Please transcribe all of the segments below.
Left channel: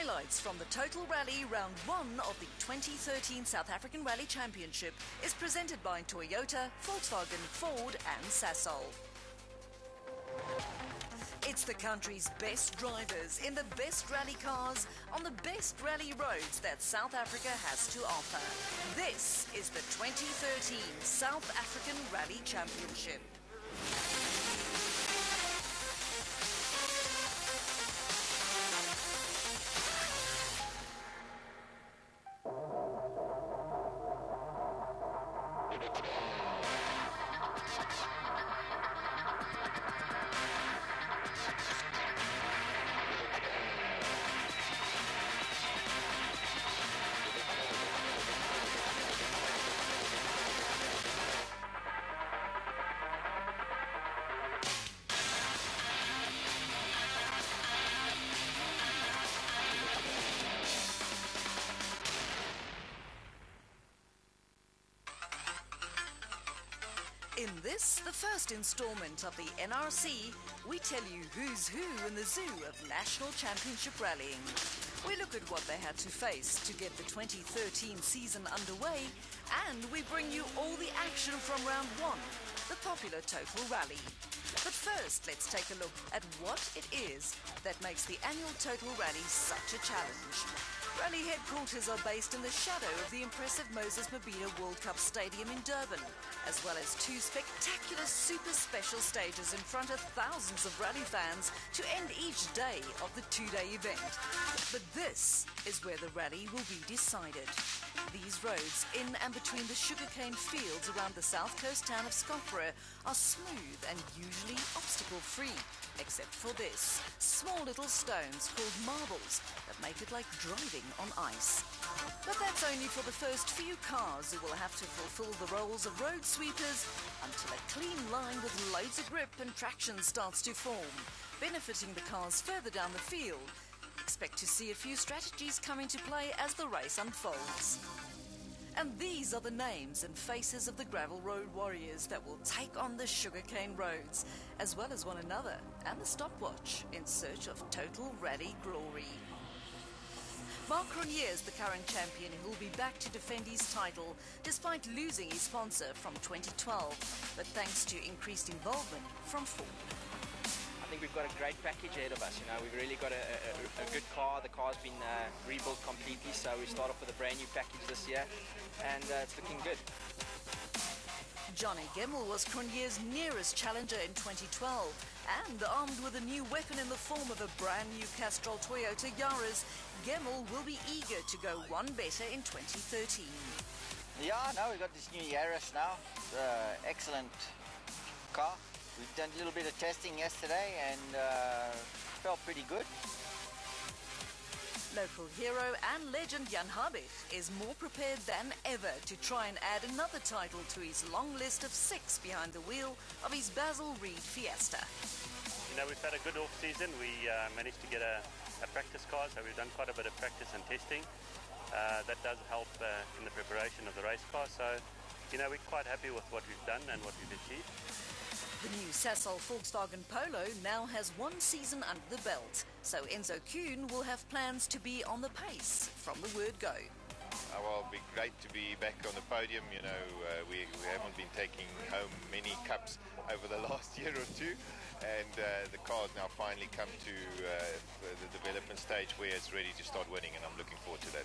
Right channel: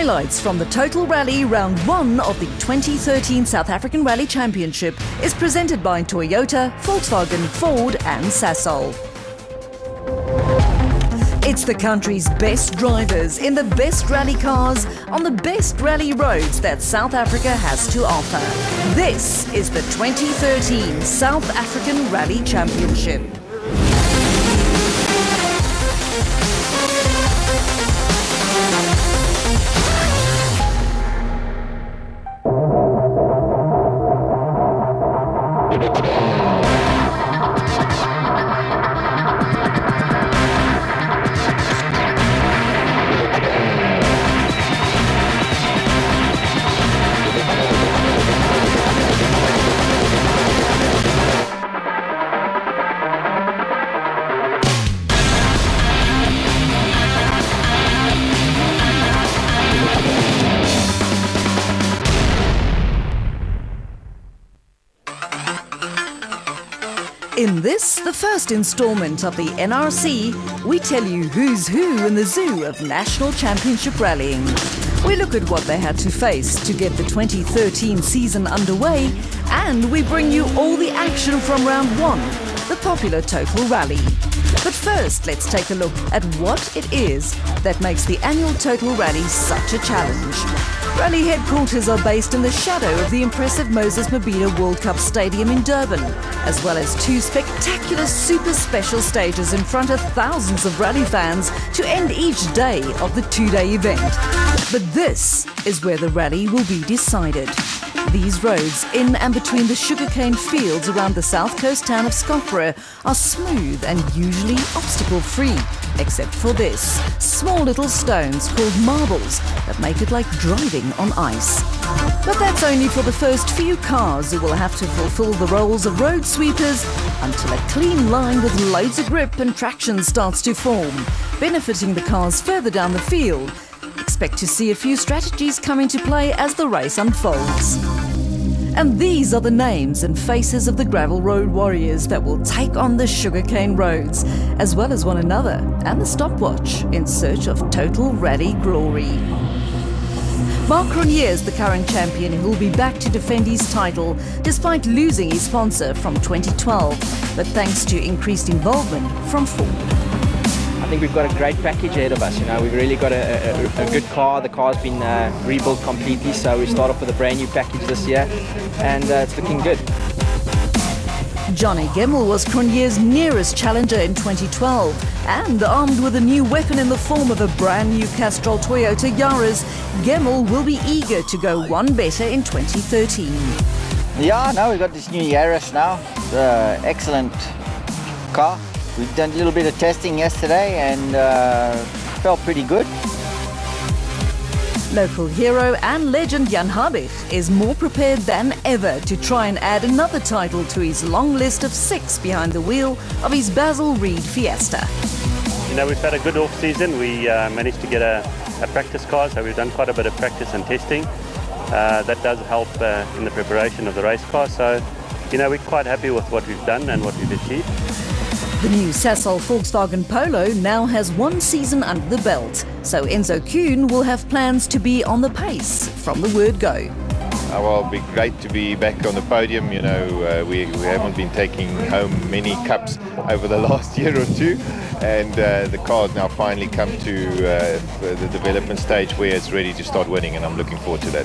Highlights from the Total Rally Round 1 of the 2013 South African Rally Championship is presented by Toyota, Volkswagen, Ford and Sasol. It's the country's best drivers in the best rally cars on the best rally roads that South Africa has to offer. This is the 2013 South African Rally Championship. In this, the first installment of the NRC, we tell you who's who in the zoo of National Championship Rallying. We look at what they had to face to get the 2013 season underway, and we bring you all the action from round 1, the popular Total Rally. But first, let's take a look at what it is that makes the annual Total Rally such a challenge. Rally headquarters are based in the shadow of the impressive Moses Mabhida World Cup Stadium in Durban, as well as 2 spectacular super special stages in front of thousands of rally fans to end each day of the 2-day event. But this is where the rally will be decided. These roads in and between the sugarcane fields around the south coast town of Skopje are smooth and usually obstacle-free, except for this, small little stones called marbles that make it like driving on ice. But that's only for the first few cars who will have to fulfill the roles of road sweepers until a clean line with loads of grip and traction starts to form, benefiting the cars further down the field. Expect to see a few strategies come into play as the race unfolds. And these are the names and faces of the gravel road warriors that will take on the sugarcane roads, as well as one another and the stopwatch in search of total rally glory. Mark Cronje is the current champion who will be back to defend his title despite losing his sponsor from 2012, but thanks to increased involvement from Ford. I think we've got a great package ahead of us. We've really got a good car. The car's been rebuilt completely, so we start off with a brand new package this year, and it's looking good. Johnny Gemmell was Cronje's nearest challenger in 2012, and armed with a new weapon in the form of a brand new Castrol Toyota Yaris, Gemmell will be eager to go one better in 2013. Yeah, now we've got this new Yaris now. It's an excellent car. We've done a little bit of testing yesterday and felt pretty good. Local hero and legend Jan Habich is more prepared than ever to try and add another title to his long list of 6 behind the wheel of his Basil Reed Fiesta. We've had a good off-season. We managed to get a practice car, so we've done quite a bit of practice and testing. That does help in the preparation of the race car, so we're quite happy with what we've done and what we've achieved. The new Sasol Volkswagen Polo now has 1 season under the belt, so Enzo Kuhn will have plans to be on the pace from the word go. Well, it'll be great to be back on the podium. We haven't been taking home many cups over the last year or 2, and the car's now finally come to the development stage where it's ready to start winning, and I'm looking forward to that.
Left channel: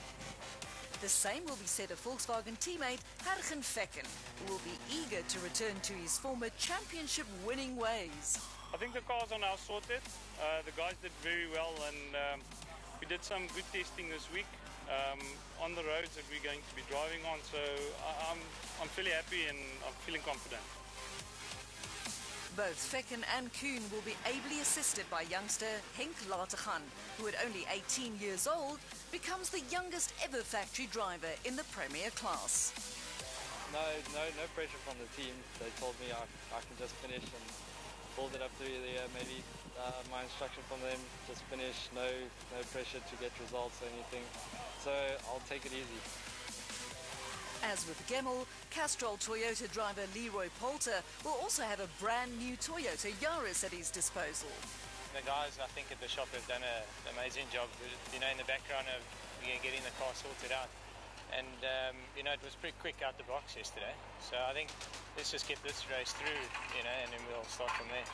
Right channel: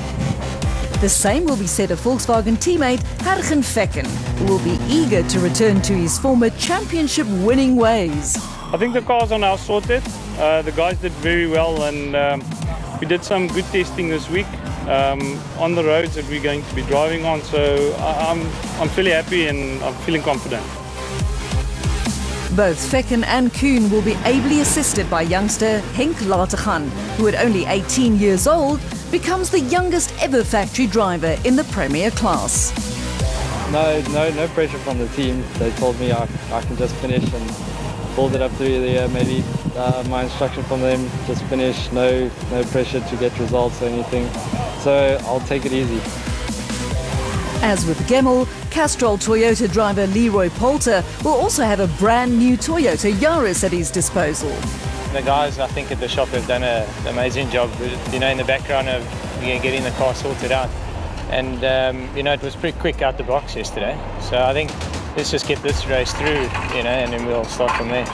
The same will be said of Volkswagen teammate Hergen Vecken, who will be eager to return to his former championship-winning ways. I think the cars are now sorted. The guys did very well, and we did some good testing this week on the roads that we're going to be driving on. So I'm fairly happy and I'm feeling confident. Both Vecken and Kuhn will be ably assisted by youngster Henk Lategan, who at only 18 years old becomes the youngest ever factory driver in the Premier class. No pressure from the team. They told me I can just finish and build it up through the year. Maybe my instruction from them, just finish, no pressure to get results or anything. So I'll take it easy. As with Gemmell, Castrol Toyota driver Leroy Poulter will also have a brand new Toyota Yaris at his disposal. the guys, I think, at the shop have done an amazing job, you know, in the background of getting the car sorted out. And, you know, it was pretty quick out the box yesterday. So I think let's just get this race through, you know, and then we'll start from there.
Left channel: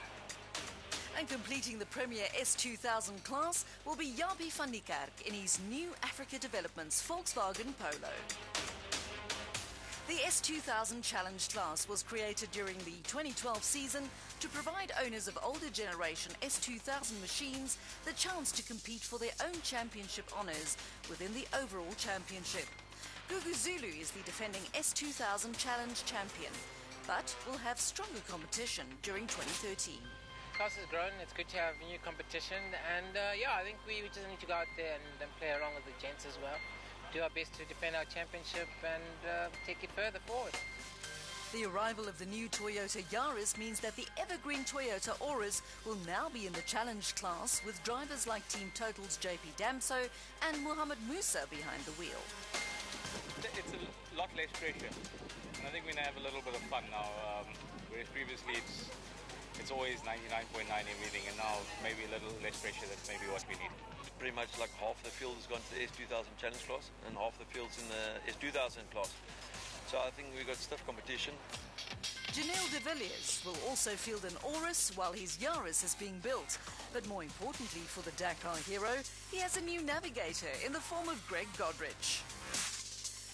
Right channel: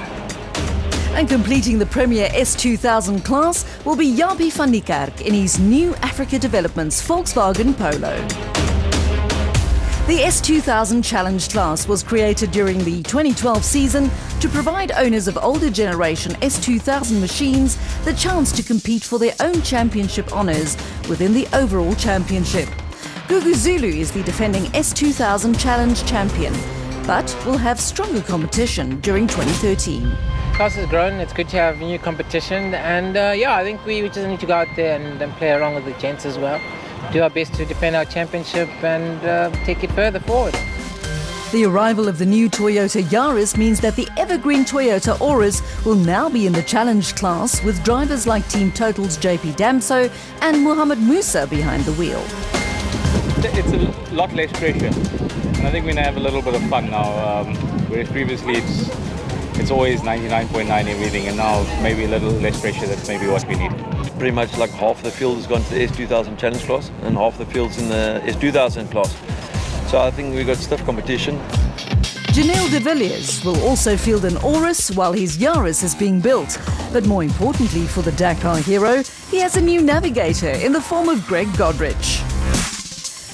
And completing the Premier S2000 class will be Jaapie van Niekerk in his new Africa Developments Volkswagen Polo. The S2000 Challenge class was created during the 2012 season to provide owners of older generation S2000 machines the chance to compete for their own championship honours within the overall championship. Gugu Zulu is the defending S2000 Challenge champion, but will have stronger competition during 2013. The class has grown, it's good to have new competition, and yeah, I think we just need to go out there and play around with the gents as well. Do our best to defend our championship and take it further forward. The arrival of the new Toyota Yaris means that the evergreen Toyota Auris will now be in the challenge class with drivers like Team Total's JP Damso and Mohamed Musa behind the wheel. It's a lot less pressure, and I think we're going to have a little bit of fun now, whereas previously it's always 99.9 everything, and now maybe a little less pressure. That's maybe what we need. Pretty much like half of the field has gone to the S2000 Challenge class and half the field's in the S2000 class. So I think we've got stiff competition. Janelle de Villiers will also field an Auris while his Yaris is being built. But more importantly for the Dakar hero, he has a new navigator in the form of Greg Godrich.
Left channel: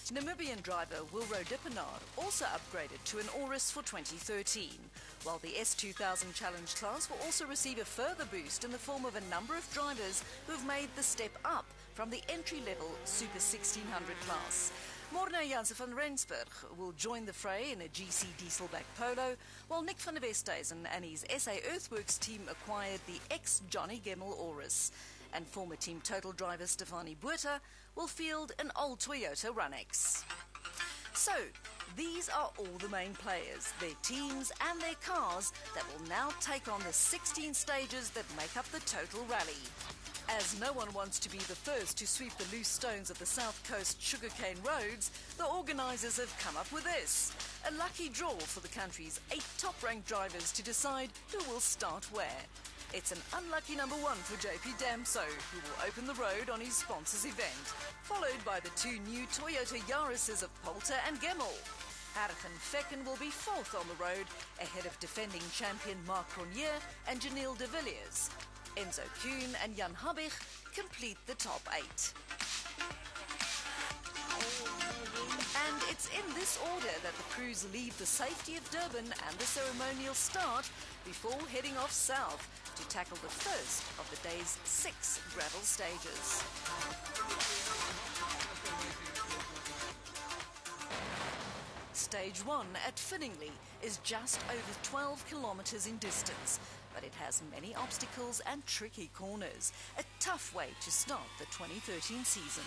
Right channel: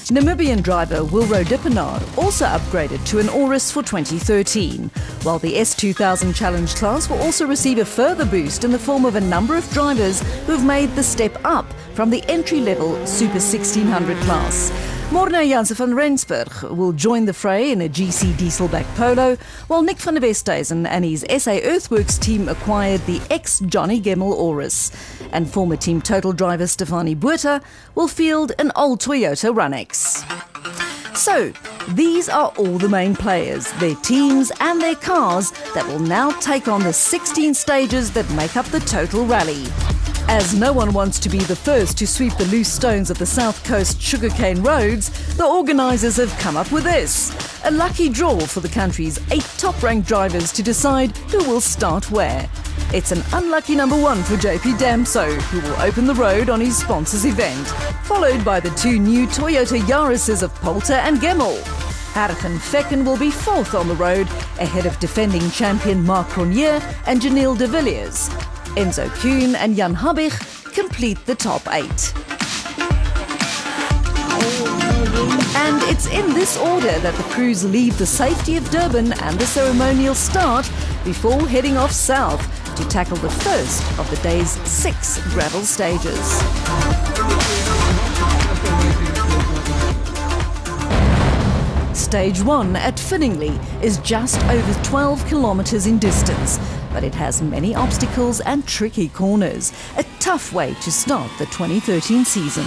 Namibian driver Wilro Dippenaar also upgraded to an Auris for 2013, while the S2000 Challenge class will also receive a further boost in the form of a number of drivers who have made the step up from the entry-level Super 1600 class. Morna Janse van Rensburg will join the fray in a GC Dieselback Polo, while Nick van der Westhuizen and his SA Earthworks team acquired the ex-Johnny Gemmel Auris. And former Team Total driver Stefanie Botha will field an old Toyota Runex. So, these are all the main players, their teams and their cars that will now take on the 16 stages that make up the Total Rally. As no one wants to be the first to sweep the loose stones of the South Coast sugarcane roads, the organisers have come up with this: a lucky draw for the country's 8 top-ranked drivers to decide who will start where. It's an unlucky number 1 for JP Damso, who will open the road on his sponsors event, followed by the 2 new Toyota Yarises of Poulter and Gemmel. Hargen Fecken will be 4th on the road, ahead of defending champion Marc Cronje and Janelle de Villiers. Enzo Kuhn and Jan Habig complete the top 8. And it's in this order that the crews leave the safety of Durban and the ceremonial start before heading off south to tackle the first of the day's 6 gravel stages. Stage 1 at Finningley is just over 12 kilometres in distance, but it has many obstacles and tricky corners. A tough way to start the 2013 season.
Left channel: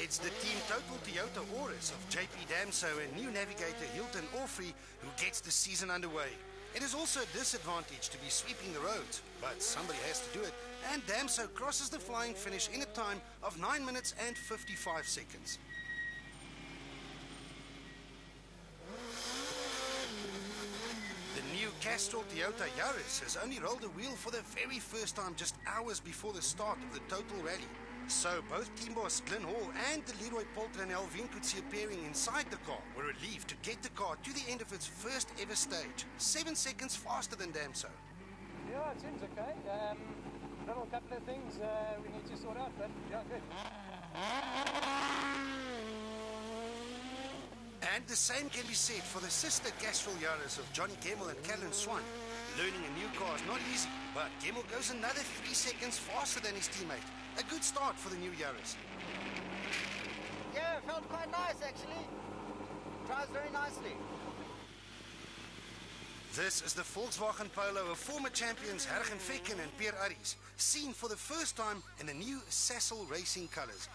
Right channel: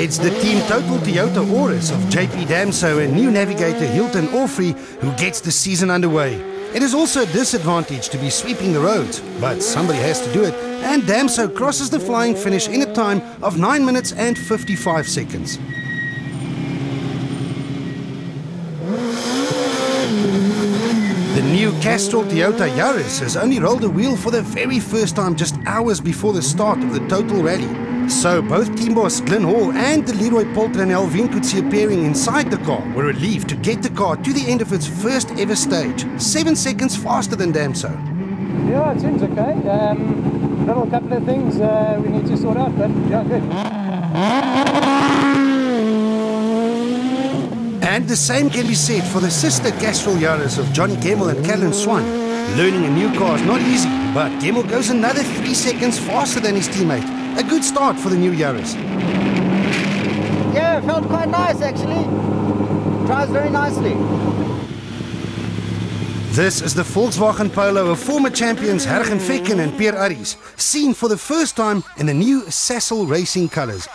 It's the Team Total Toyota Auris of JP Damso and new navigator Hilton Orfrey who gets the season underway. It is also a disadvantage to be sweeping the roads, but somebody has to do it, and Damso crosses the flying finish in a time of 9 minutes and 55 seconds. The new Castrol Toyota Yaris has only rolled a wheel for the very first time just hours before the start of the Total Rally. So both team boss Glenn Hall and the Leroy Poulter and Alvin Coetzee appearing inside the car were relieved to get the car to the end of its first ever stage, 7 seconds faster than Damso. Yeah, it seems okay. Little couple of things we need to sort out, but yeah, good. And the same can be said for the sister Castrol Yaris of Johnny Gemmel and Callan Swan. Learning a new car is not easy, but Gemmel goes another 3 seconds faster than his teammate. A good start for the new Yaris. Yeah, it felt quite nice actually. Drives very nicely. This is the Volkswagen Polo of former champions Hargen Fecken and Pierre Arries, seen for the first time in the new Sassel Racing colours.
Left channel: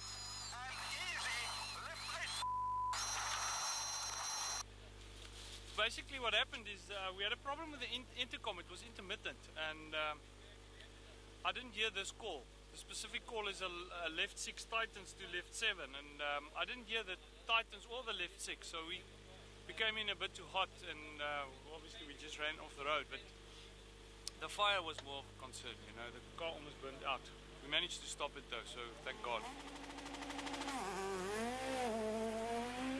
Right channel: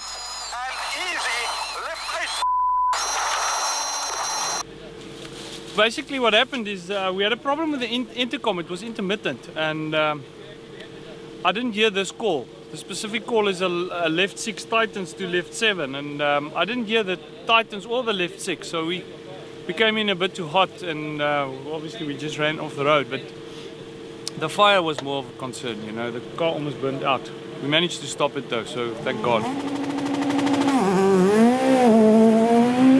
basically what happened is we had a problem with the intercom. It was intermittent, and I didn't hear this call. The specific call is a left 6 tightens to left 7, and I didn't hear the tightens or the left 6, so we came in a bit too hot, and obviously we just ran off the road. But the fire was more of a concern, you know. The car almost burned out. We managed to stop it though, so thank God.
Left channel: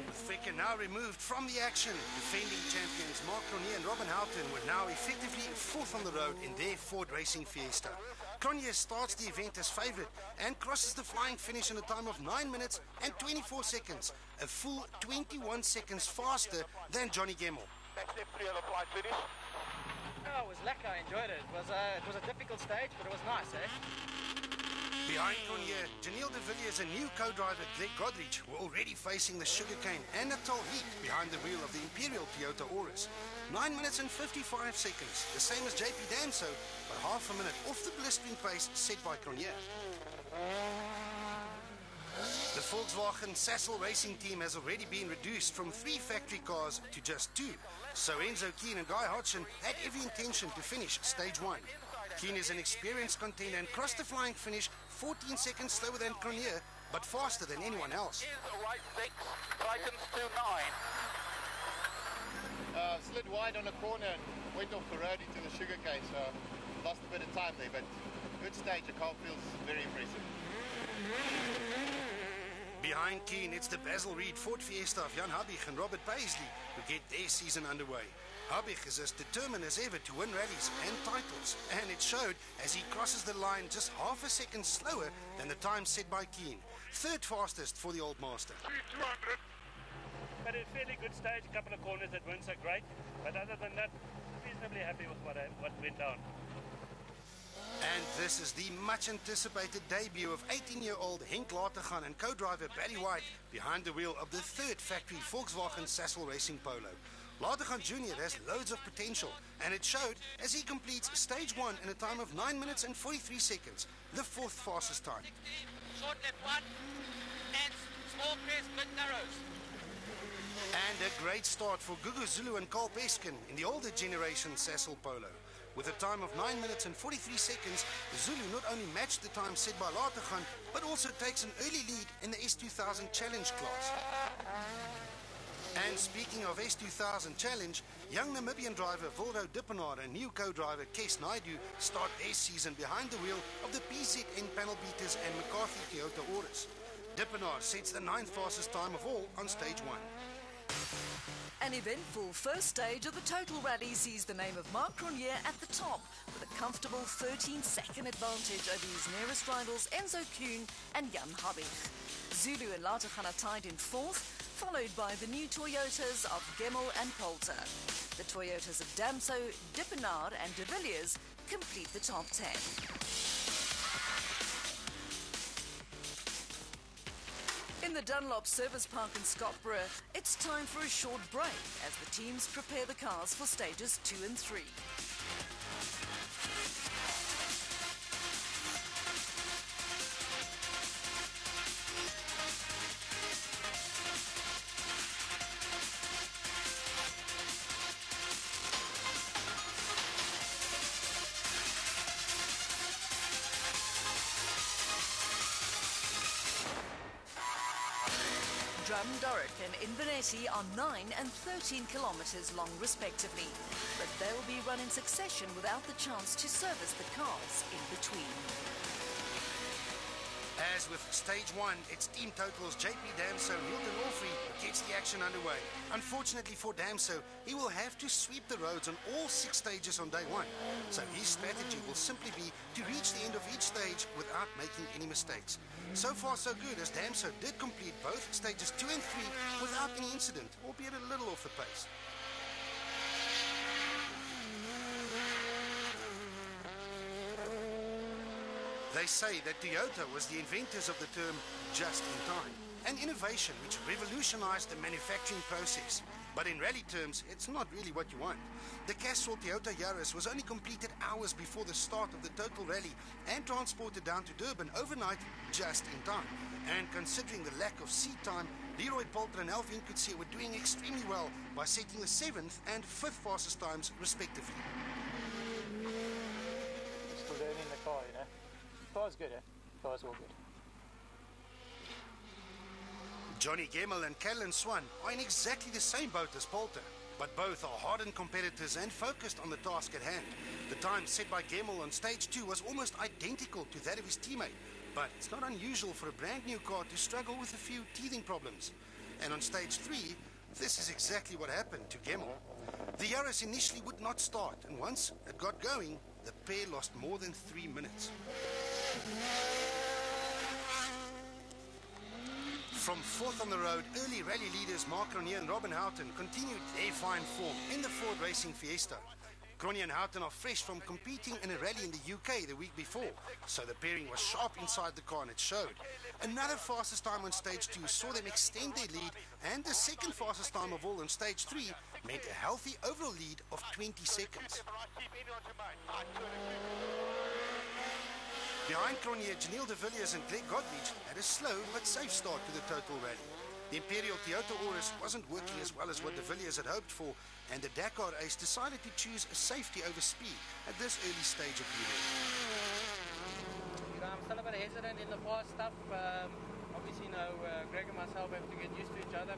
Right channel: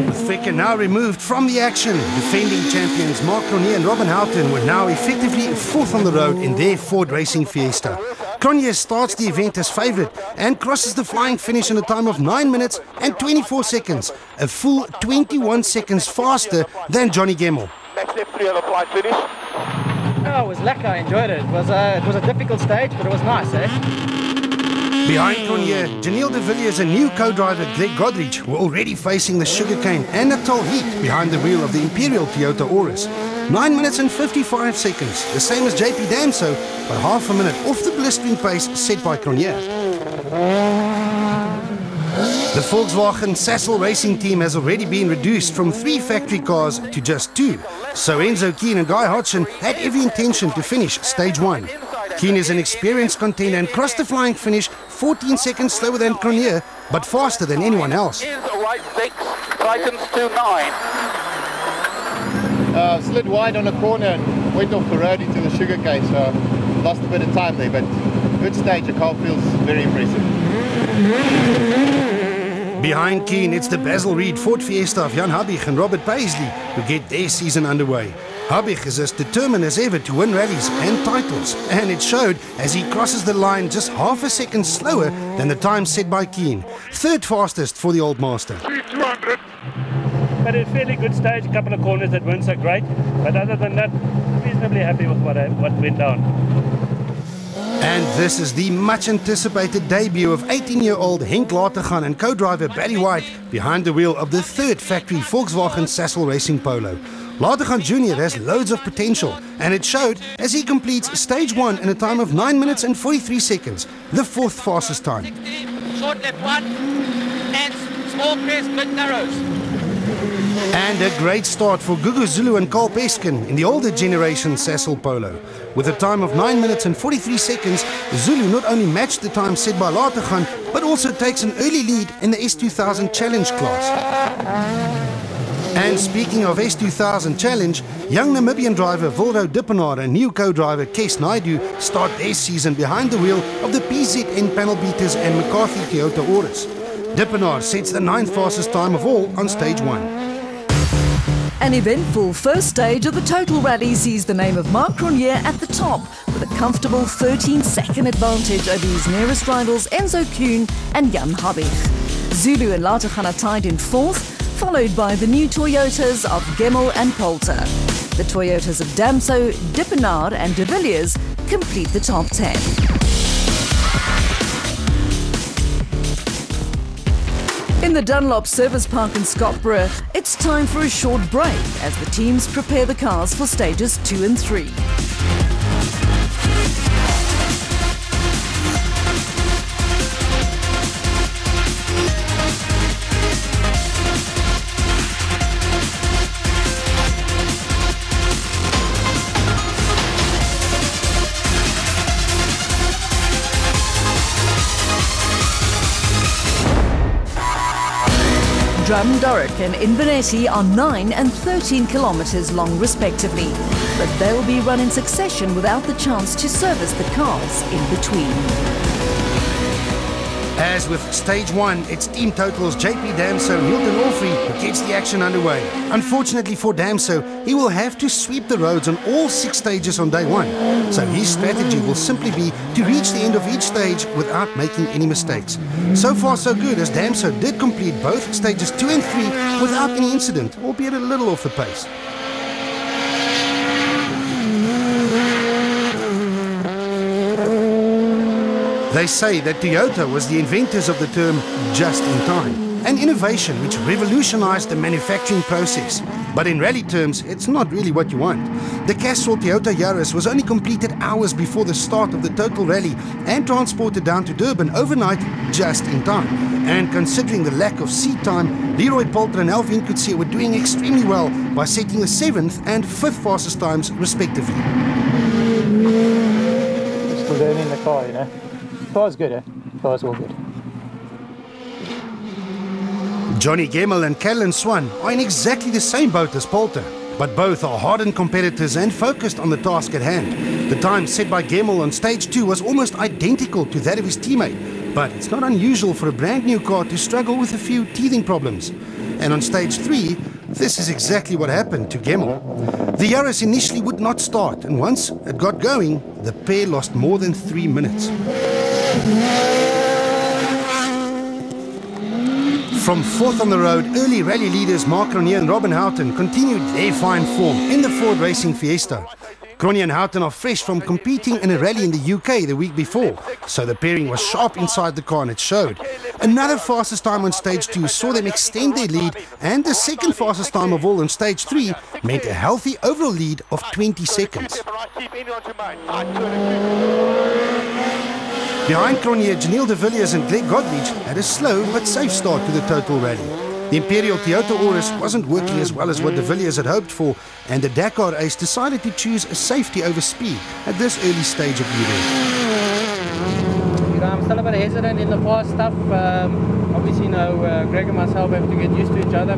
With Vekker now removed from the action, defending champions Mark Cronje and Robin Houghton were now effectively fourth on the road in their Ford Racing Fiesta. Cronje starts the event as favourite and crosses the flying finish in a time of 9 minutes and 24 seconds, a full 21 seconds faster than Johnny Gemmell. Next left 3 on the flying finish. Oh, it was lekker. I enjoyed it. It was a difficult stage, but it was nice, eh? Behind Cronje, Janelle de Villiers and new co-driver Greg Godrich were already facing the sugarcane and Natal heat behind the wheel of the Imperial Toyota Auris. 9 minutes and 55 seconds, the same as JP Damso, but half a minute off the blistering pace set by Cronje. The Volkswagen Sassel racing team has already been reduced from 3 factory cars to just 2. So Enzo Keane and Guy Hodgson had every intention to finish stage 1. Keane is an experienced contender and crossed the flying finish 14 seconds slower than Cronje, but faster than anyone else. Right 6, tightens to 9. Slid wide on a corner and went off the road into the sugarcane, so lost a bit of time there, but good stage. The car feels very impressive. Behind Keane, it's the Basil Reed Ford Fiesta of Jan Habig and Robert Paisley who get their season underway. Habig is as determined as ever to win rallies and titles, and it showed as he crosses the line just half a second slower than the time set by Keane. Third fastest for the Old Master. 200. But a fairly good stage, a couple of corners that weren't so great, but other than that, reasonably happy with what went down. And this is the much-anticipated debut of 18-year-old Henk Latergan and co-driver Barry White behind the wheel of the 3rd factory Volkswagen Sassel Racing Polo. Latergan Jr. has loads of potential, and it showed as he completes stage 1 in a time of 9 minutes and 43 seconds, the 4th fastest time. Short left 1, and small crest, mid narrows. And a great start for Gugu Zulu and Carl Peskin in the older generation Sassel Polo. With a time of 9 minutes and 43 seconds, Zulu not only matched the time set by Latergan, but also takes an early lead in the S2000 Challenge class. And speaking of S2000 Challenge, young Namibian driver Wildo Dippenaar and new co-driver Kes Naidu start their season behind the wheel of the PZN panel beaters and McCarthy Toyota Auris. Dippenaar sets the 9th fastest time of all on stage 1. An eventful first stage of the total rally sees the name of Mark Cronje at the top with a comfortable 13-second advantage over his nearest rivals Enzo Kuhn and Jan Habig. Zulu and Latergan are tied in 4th, followed by the new Toyotas of Gemmell and Poulter. The Toyotas of Damso, Dippenaar and de Villiers complete the top 10. In the Dunlop Service Park in Scottsboro, it's time for a short break as the teams prepare the cars for stages 2 and 3. Drumdurrick and Inverness are 9 and 13 kilometres long respectively, but they'll be run in succession without the chance to service the cars in between. As with stage 1, it's team totals JP Damso and Hilton Orfrey who gets the action underway. Unfortunately for Damso, he will have to sweep the roads on all 6 stages on day 1. So his strategy will simply be to reach the end of each stage without making any mistakes. So far so good, as Damso did complete both stages 2 and 3 without any incident, albeit a little off the pace. They say that Toyota was the inventors of the term just in time, an innovation which revolutionized the manufacturing process. But in rally terms, it's not really what you want. The Castrol Toyota Yaris was only completed hours before the start of the total rally and transported down to Durban overnight just in time. And considering the lack of seat time, Leroy Poulter and Alvin Coetzee were doing extremely well by setting the 7th and 5th fastest times respectively. Still learning the car, you know. Car's good, eh? Car's all good. Johnny Gemmell and Callan Swan are in exactly the same boat as Poulter, but both are hardened competitors and focused on the task at hand. The time set by Gemmell on stage 2 was almost identical to that of his teammate, but it's not unusual for a brand new car to struggle with a few teething problems. And on stage 3, this is exactly what happened to Gemmell. The Yaris initially would not start, and once it got going, the pair lost more than 3 minutes. From 4th on the road, early rally leaders Mark Cronje and Robin Houghton continued their fine form in the Ford Racing Fiesta. Cronje and Houghton are fresh from competing in a rally in the UK the week before, so the pairing was sharp inside the car and it showed. Another fastest time on stage 2 saw them extend their lead, and the second fastest time of all on stage 3 meant a healthy overall lead of 20 seconds. Behind Cronje, Janelle de Villiers and Greg Godrich had a slow but safe start to the total rally. The Imperial Toyota Auris wasn't working as well as what de Villiers had hoped for, and the Dakar ace decided to choose safety over speed at this early stage of the event. You know, I'm still a bit hesitant in the fast stuff. Obviously, you know, Greg and myself have to get used to each other.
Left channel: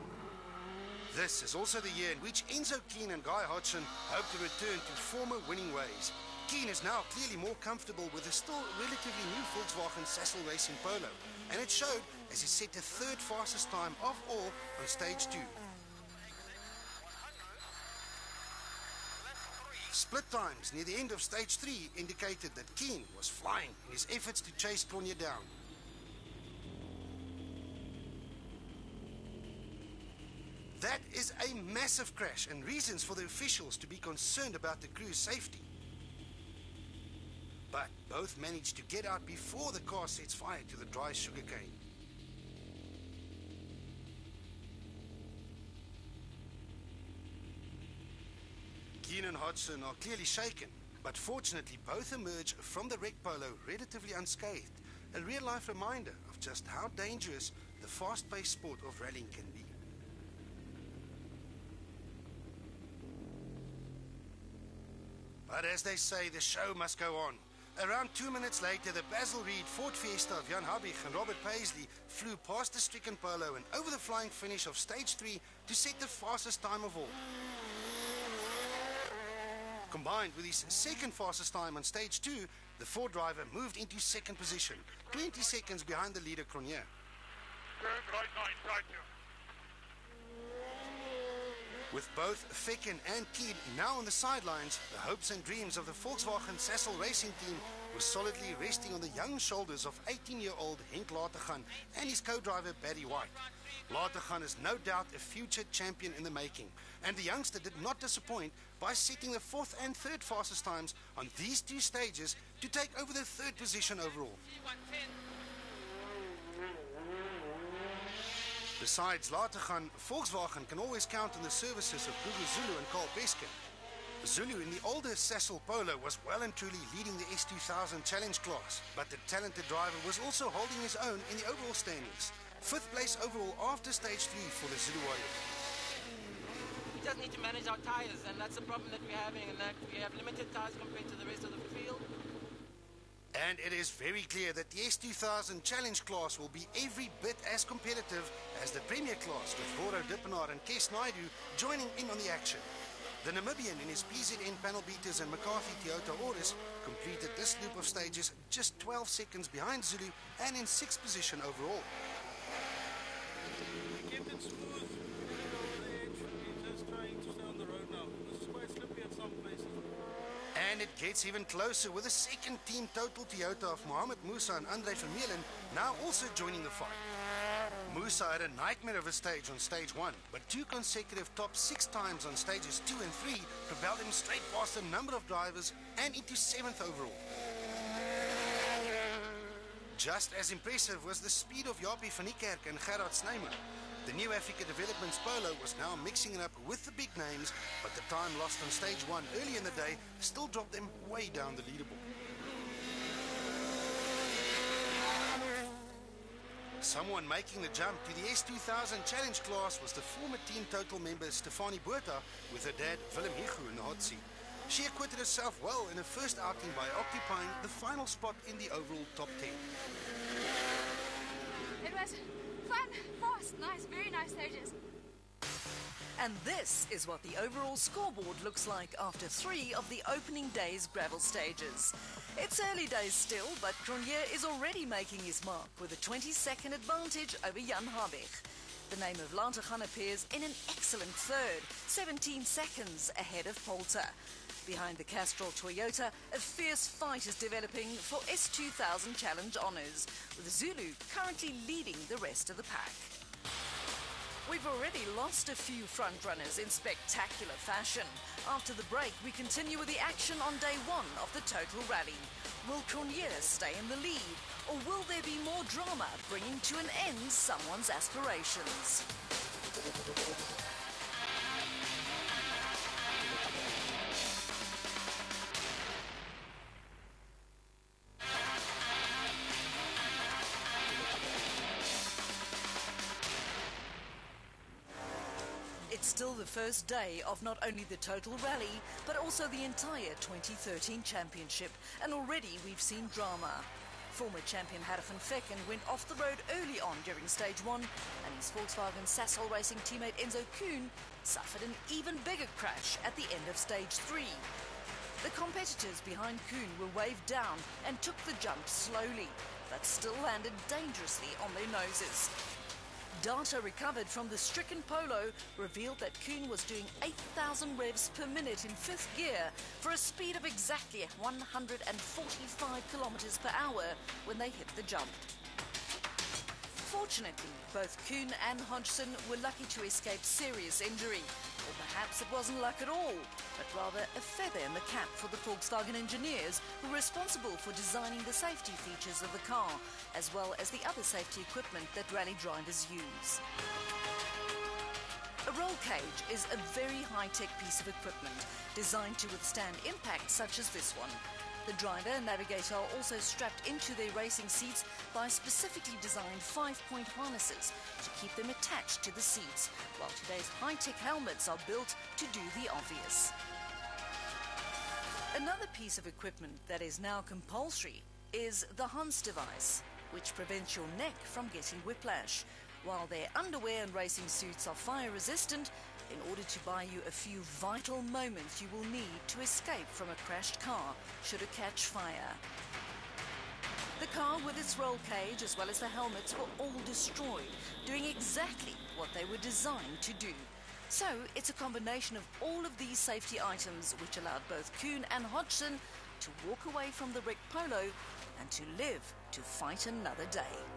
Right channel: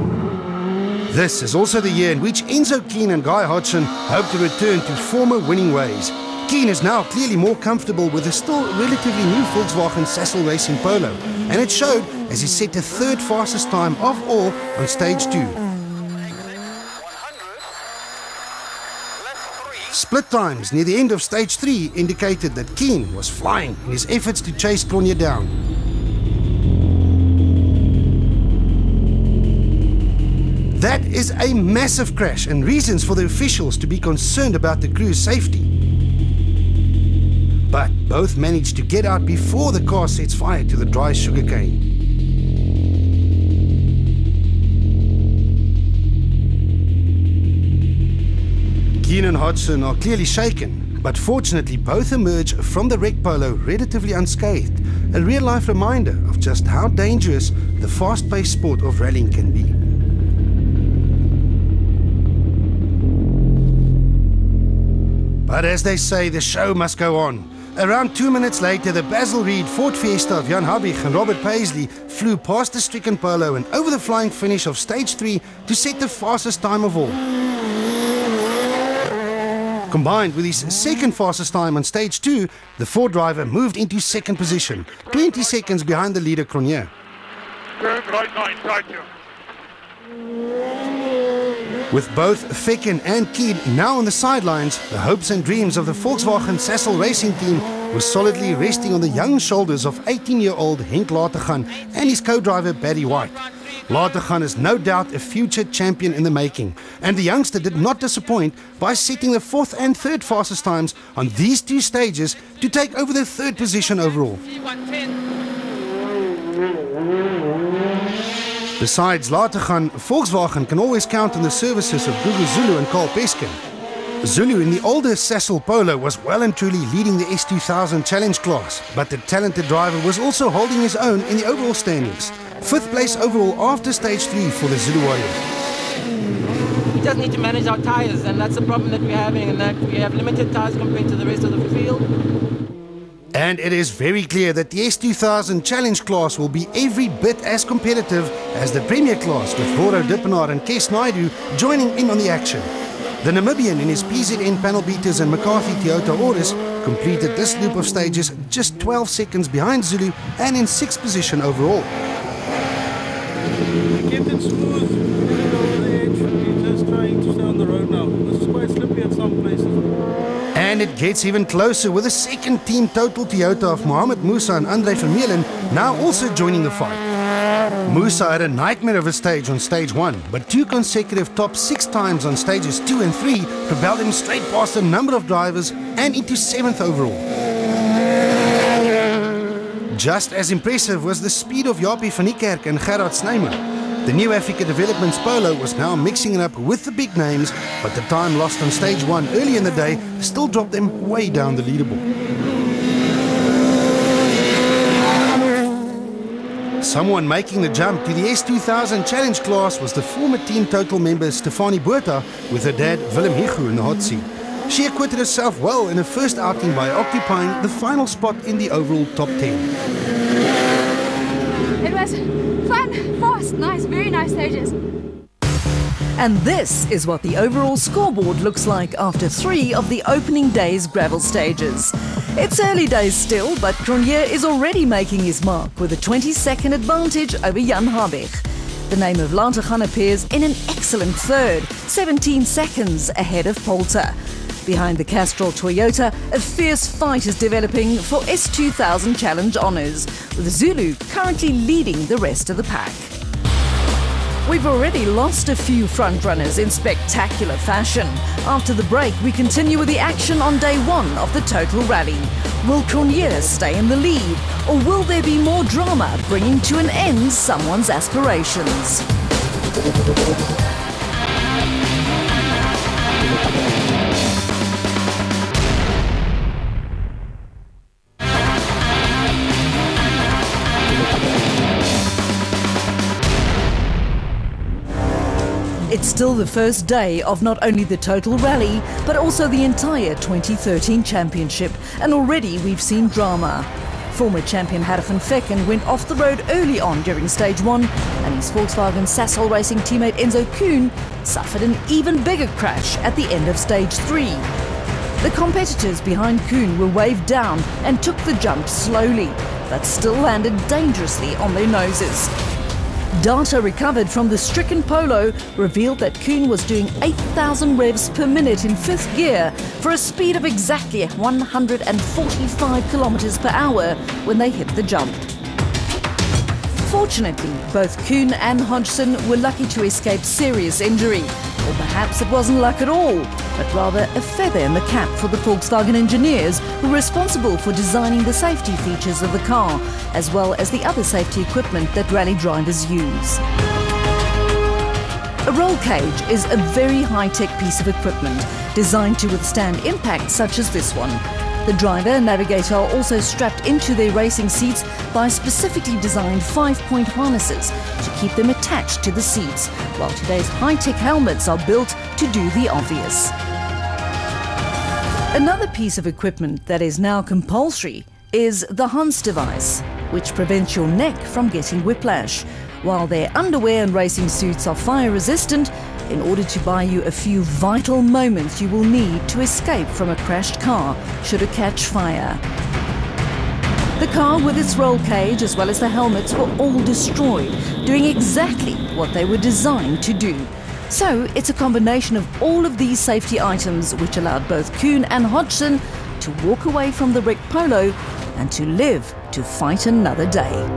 This is also the year in which Enzo Keane and Guy Hodgson hope to return to former winning ways. Keane is now clearly more comfortable with the still relatively new Volkswagen Sassel Racing Polo, and it showed as he set the 3rd fastest time of all on stage 2. Split times near the end of stage 3 indicated that Keane was flying in his efforts to chase Cronje down. That is a massive crash and reasons for the officials to be concerned about the crew's safety. But both managed to get out before the car sets fire to the dry sugarcane. Keane and Hodgson are clearly shaken, but fortunately both emerge from the wreck polo relatively unscathed, a real-life reminder of just how dangerous the fast-paced sport of rallying can be. But as they say, the show must go on. Around 2 minutes later, the Basil Reed Ford Fiesta of Jan Habich and Robert Paisley flew past the stricken Polo and over the flying finish of stage 3 to set the fastest time of all. Combined with his 2nd fastest time on stage 2, the Ford driver moved into 2nd position, 20 seconds behind the leader Cronje. With both Fecken and Keane now on the sidelines, the hopes and dreams of the Volkswagen Sassel Racing team were solidly resting on the young shoulders of 18-year-old Henk Latergan and his co-driver Barry White. Latergan is no doubt a future champion in the making, and the youngster did not disappoint by setting the 4th and 3rd fastest times on these 2 stages to take over the 3rd position overall. Besides Latergan, Volkswagen can always count on the services of Gugu Zulu and Carl Peskin. Zulu in the older Sassel Polo was well and truly leading the S2000 challenge class, but the talented driver was also holding his own in the overall standings. 5th place overall after stage 3 for the Zulu Warrior. We just need to manage our tyres, and that's the problem that we're having, and that we have limited tyres compared to the rest of the field. And it is very clear that the S2000 challenge class will be every bit as competitive as the Premier class, with Roro Dippenaar and Kes Naidu joining in on the action. The Namibian in his PZN panel beaters and McCarthy Toyota Auris completed this loop of stages just 12 seconds behind Zulu and in 6th position overall. We kept it smooth, over the edge. We're just trying to stay on the road now. This is quite slippery at some places. And it gets even closer with a 2nd team total Toyota of Mohamed Musa and Andre Vermeulen now also joining the fight. Musa had a nightmare of a stage on stage 1, but 2 consecutive top 6 times on stages 2 and 3 propelled him straight past a number of drivers and into 7th overall. Just as impressive was the speed of Japie van Niekerk and Gerard Snyman. The new Africa Developments Polo was now mixing it up with the big names, but the time lost on stage 1 early in the day still dropped them way down the leaderboard. Someone making the jump to the S2000 challenge class was the former Team Total member Stefanie Botha with her dad Willem Higu in the hot seat. She acquitted herself well in her first outing by occupying the final spot in the overall top 10. It was fun, fast, nice, very nice stages. And this is what the overall scoreboard looks like after 3 of the opening day's gravel stages. It's early days still, but Cronje is already making his mark with a 20-second advantage over Jan Habig. The name of Lateghan appears in an excellent third, 17 seconds ahead of Poulter. Behind the Castrol Toyota, a fierce fight is developing for S2000 Challenge honours, with Zulu currently leading the rest of the pack. We've already lost a few frontrunners in spectacular fashion. After the break, we continue with the action on day 1 of the Total Rally. Will Cronje stay in the lead, or will there be more drama bringing to an end someone's aspirations? It's still the first day of not only the Total Rally, but also the entire 2013 championship, and already we've seen drama. Former champion Hargen Vekken went off the road early on during stage 1, and his Volkswagen Sasol Racing teammate Enzo Kuhn suffered an even bigger crash at the end of stage 3. The competitors behind Kuhn were waved down and took the jump slowly, but still landed dangerously on their noses. Data recovered from the stricken Polo revealed that Kuhn was doing 8,000 revs per minute in 5th gear for a speed of exactly 145 kilometers per hour when they hit the jump. Fortunately, both Kuhn and Hodgson were lucky to escape serious injury. Or perhaps it wasn't luck at all, but rather a feather in the cap for the Volkswagen engineers who were responsible for designing the safety features of the car, as well as the other safety equipment that rally drivers use. A roll cage is a very high-tech piece of equipment designed to withstand impact such as this one. The driver and navigator are also strapped into their racing seats by specifically designed 5-point harnesses to keep them attached to the seats, while today's high-tech helmets are built to do the obvious. Another piece of equipment that is now compulsory is the Hans device, which prevents your neck from getting whiplash. While their underwear and racing suits are fire resistant, in order to buy you a few vital moments you will need to escape from a crashed car should it catch fire. The car with its roll cage as well as the helmets were all destroyed, doing exactly what they were designed to do. So it's a combination of all of these safety items which allowed both Kuhn and Hodgson to walk away from the wrecked Polo and to live to fight another day.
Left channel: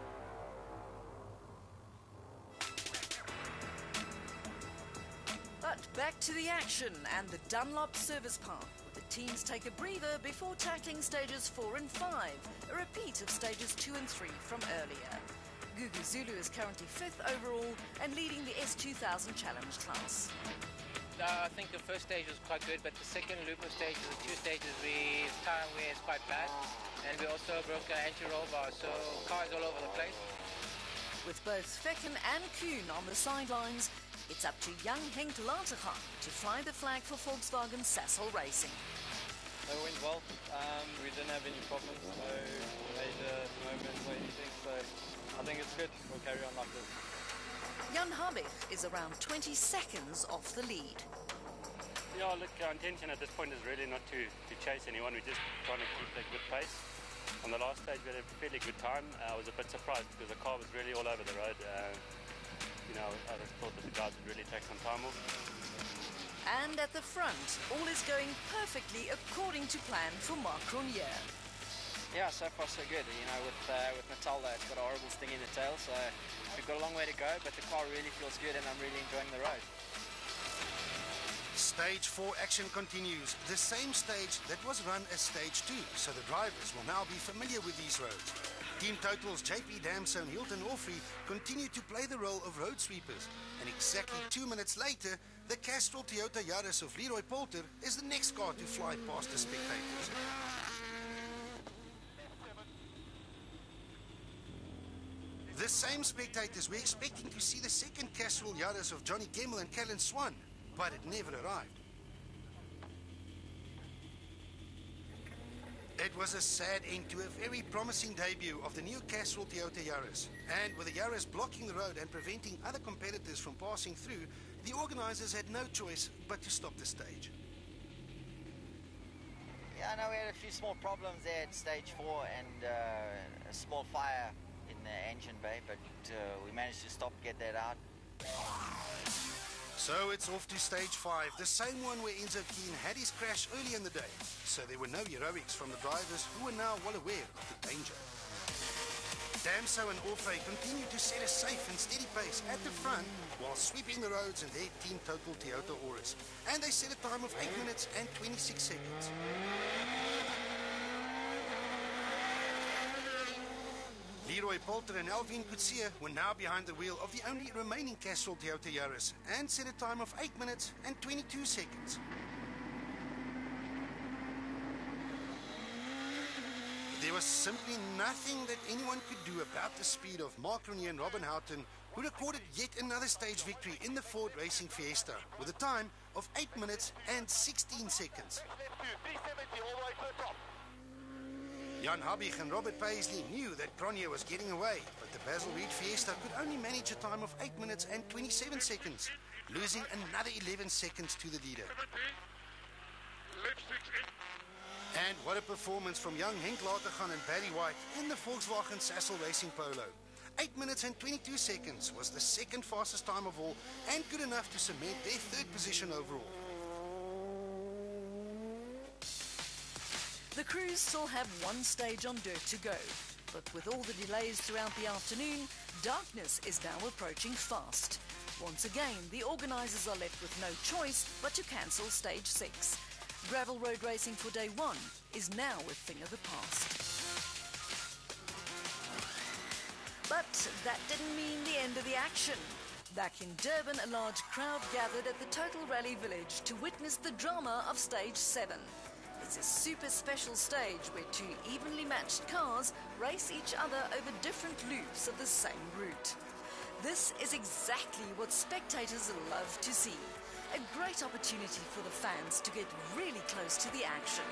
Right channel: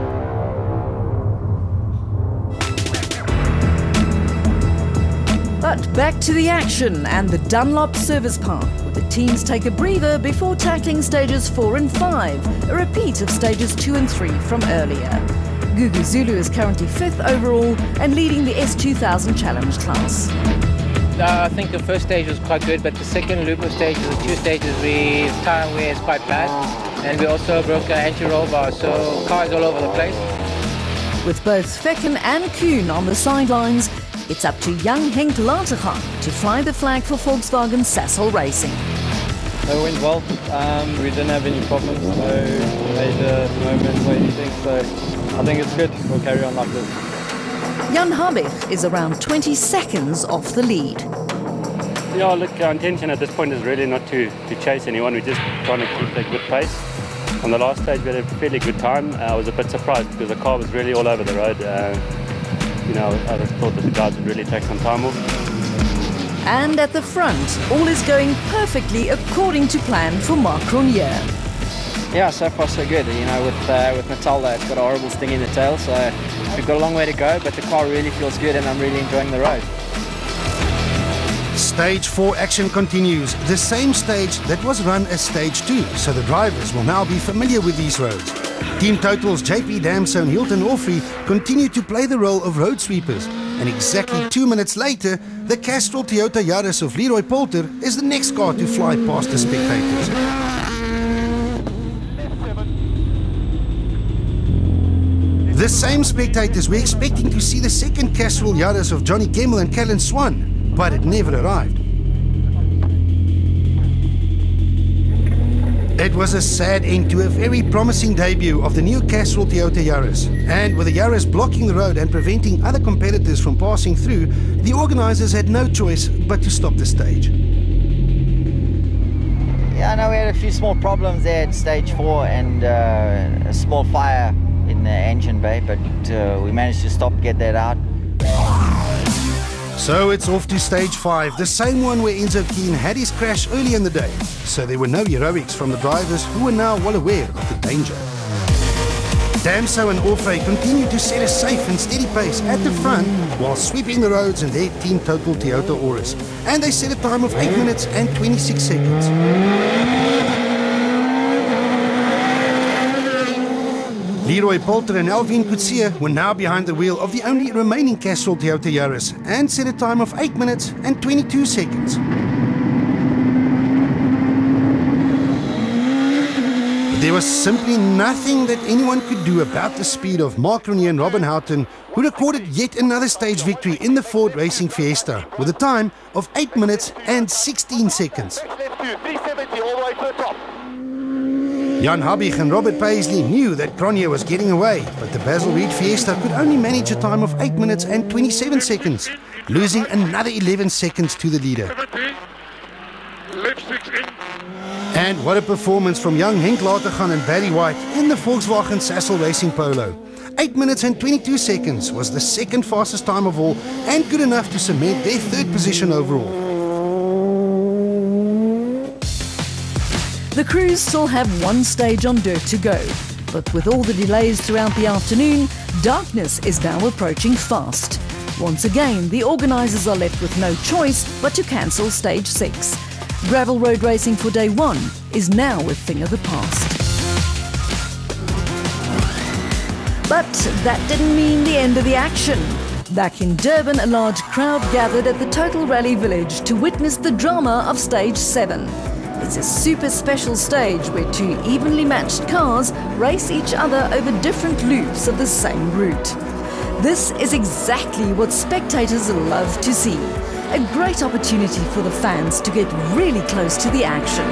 But back to the action and the Dunlop Service Park, where the teams take a breather before tackling stages 4 and 5, a repeat of stages 2 and 3 from earlier. Gugu Zulu is currently 5th overall and leading the S2000 Challenge class. I think the first stage was quite good, but the second loop of stages, the 2 stages, tyre wear is quite bad, and we also broke our anti-roll bar, so cars all over the place. With both Vekken and Kuhn on the sidelines, it's up to young Henk Lateghan to fly the flag for Volkswagen Sasol Racing. It went well. We didn't have any problems, no major moments or anything, so I think it's good. We'll carry on like this. Jan Habig is around 20 seconds off the lead. Yeah, look, our intention at this point is really not to chase anyone. We're just trying to keep a good pace. On the last stage, we had a fairly good time. I was a bit surprised because the car was really all over the road. You know, I just thought that the guys would really take some time off. And at the front, all is going perfectly according to plan for Mark Cronje. Yeah, so far so good. You know, with Matilda, it's got a horrible sting in the tail, so we've got a long way to go, but the car really feels good and I'm really enjoying the road. Stage 4 action continues, the same stage that was run as stage 2, so the drivers will now be familiar with these roads. Team Total's JP Damso and Hilton Orfrey continue to play the role of road sweepers, and exactly 2 minutes later, the Castrol Toyota Yaris of Leroy Poulter is the next car to fly past the spectators. The same spectators were expecting to see the second Castrol Yaris of Johnny Gemmell and Callan Swan, but it never arrived. It was a sad end to a very promising debut of the new Castrol Toyota Yaris. And with the Yaris blocking the road and preventing other competitors from passing through, the organisers had no choice but to stop the stage. Yeah, I know we had a few small problems there at stage 4 and a small fire in the engine bay, but we managed to stop, get that out. So it's off to stage 5, the same one where Enzo Keane had his crash early in the day. So there were no heroics from the drivers who were now well aware of the danger. Damso and Orfrey continued to set a safe and steady pace at the front while sweeping the roads in their Team Total Toyota Auris. And they set a time of 8 minutes and 26 seconds. Leroy Poulter and Alvin Coetzee were now behind the wheel of the only remaining Castrol Toyota Yaris and set a time of 8 minutes and 22 seconds. There was simply nothing that anyone could do about the speed of Mark Renier and Robin Houghton, who recorded yet another stage victory in the Ford Racing Fiesta with a time of 8 minutes and 16 seconds. Jan Habig and Robert Paisley knew that Cronje was getting away, but the Basil Reed Fiesta could only manage a time of 8 minutes and 27 seconds, losing another 11 seconds to the leader. And what a performance from young Henk Latergan and Barry White in the Volkswagen Sassel Racing Polo. 8 minutes and 22 seconds was the second fastest time of all and good enough to cement their third position overall. The crews still have one stage on dirt to go, but with all the delays throughout the afternoon, darkness is now approaching fast. Once again, the organisers are left with no choice but to cancel stage 6. Gravel road racing for day 1 is now a thing of the past. But that didn't mean the end of the action. Back in Durban, a large crowd gathered at the Total Rally Village to witness the drama of stage 7. It's a super special stage where 2 evenly matched cars race each other over different loops of the same route. This is exactly what spectators love to see. A great opportunity for the fans to get really close to the action.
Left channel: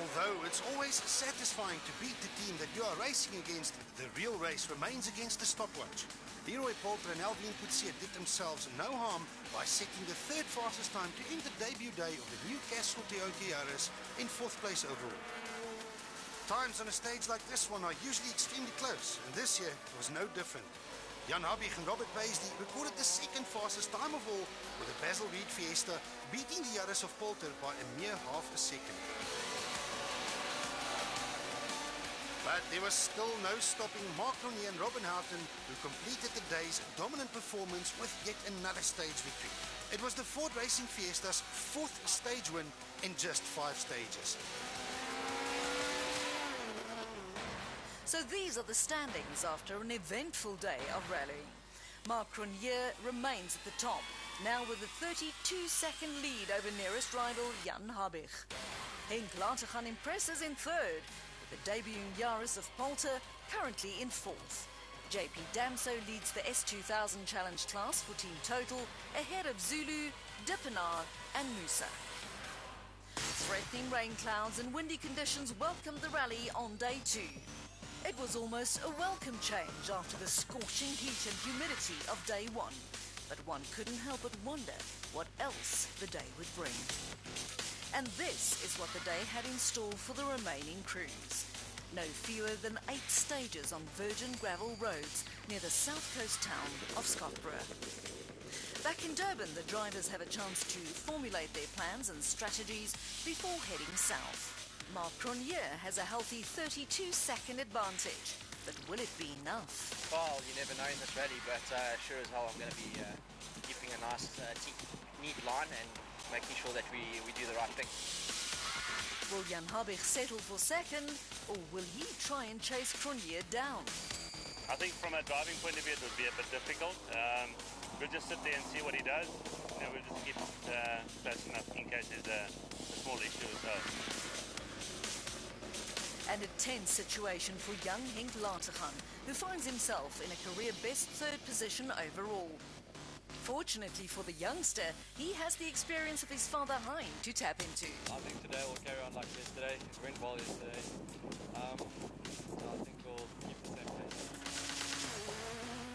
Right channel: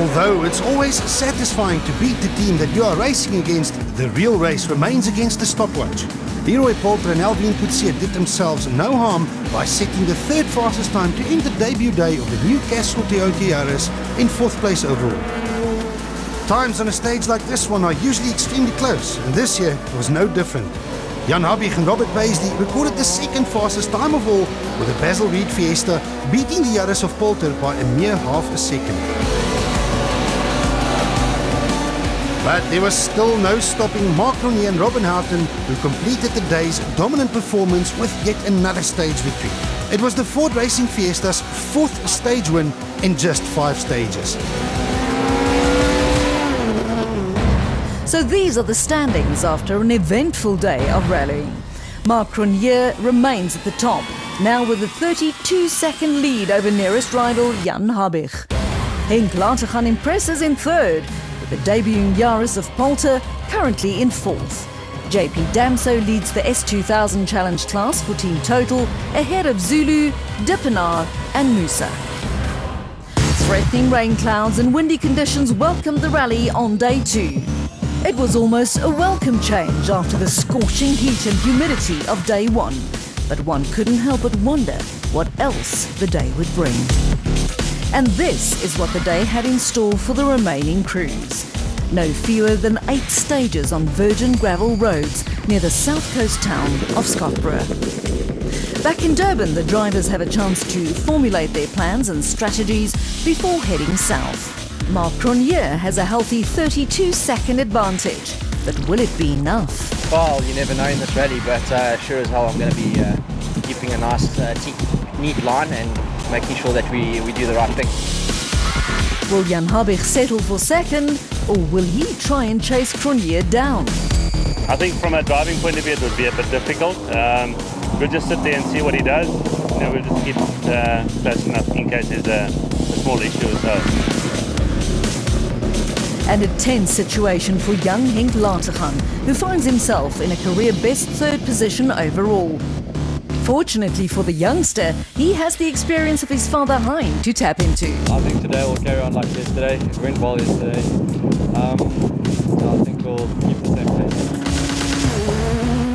Although it's always satisfying to beat the team that you are racing against, the real race remains against the stopwatch. Leroy Poulter and Alvin Coetzee did themselves no harm by setting the third fastest time to end the debut day of the new Castrol Toyota Yaris in 4th place overall. Times on a stage like this one are usually extremely close, and this year was no different. Jan Habig and Robert Paisley recorded the second fastest time of all, with the Basil Reed Fiesta beating the Yaris of Poulter by a mere half a second. But there was still no stopping Mark Renier and Robin Houghton, who completed the day's dominant performance with yet another stage victory. It was the Ford Racing Fiesta's 4th stage win in just 5 stages. So these are the standings after an eventful day of rallying. Mark Renier remains at the top, now with a 32-second lead over nearest rival Jan Habig. Henk Latergan impresses in 3rd, with the debuting Yaris of Poulter currently in 4th. JP Damso leads the S2000 Challenge class for Team Total, ahead of Zulu, Dippenaar and Musa. Threatening rain clouds and windy conditions welcomed the rally on day 2. It was almost a welcome change after the scorching heat and humidity of day 1, but one couldn't help but wonder what else the day would bring. And this is what the day had in store for the remaining crews. No fewer than 8 stages on virgin gravel roads near the south coast town of Scottsboro. Back in Durban, the drivers have a chance to formulate their plans and strategies before heading south. Mark Renier has a healthy 32-second advantage, but will it be enough? Well, you never know in this rally, but sure as hell I'm going to be keeping a nice, neat line and making sure that we do the right thing. Will Jan Habig settle for 2nd, or will he try and chase Cronje down? I think from a driving point of view it would be a bit difficult. We'll just sit there and see what he does. You know, we'll just keep close enough in case there's a small issue or so. And a tense situation for young Henk Lateghan, who finds himself in a career-best third position overall. Fortunately for the youngster, he has the experience of his father Hein to tap into. I think today we'll carry on like yesterday. It went well yesterday. So I think we'll keep the same pace.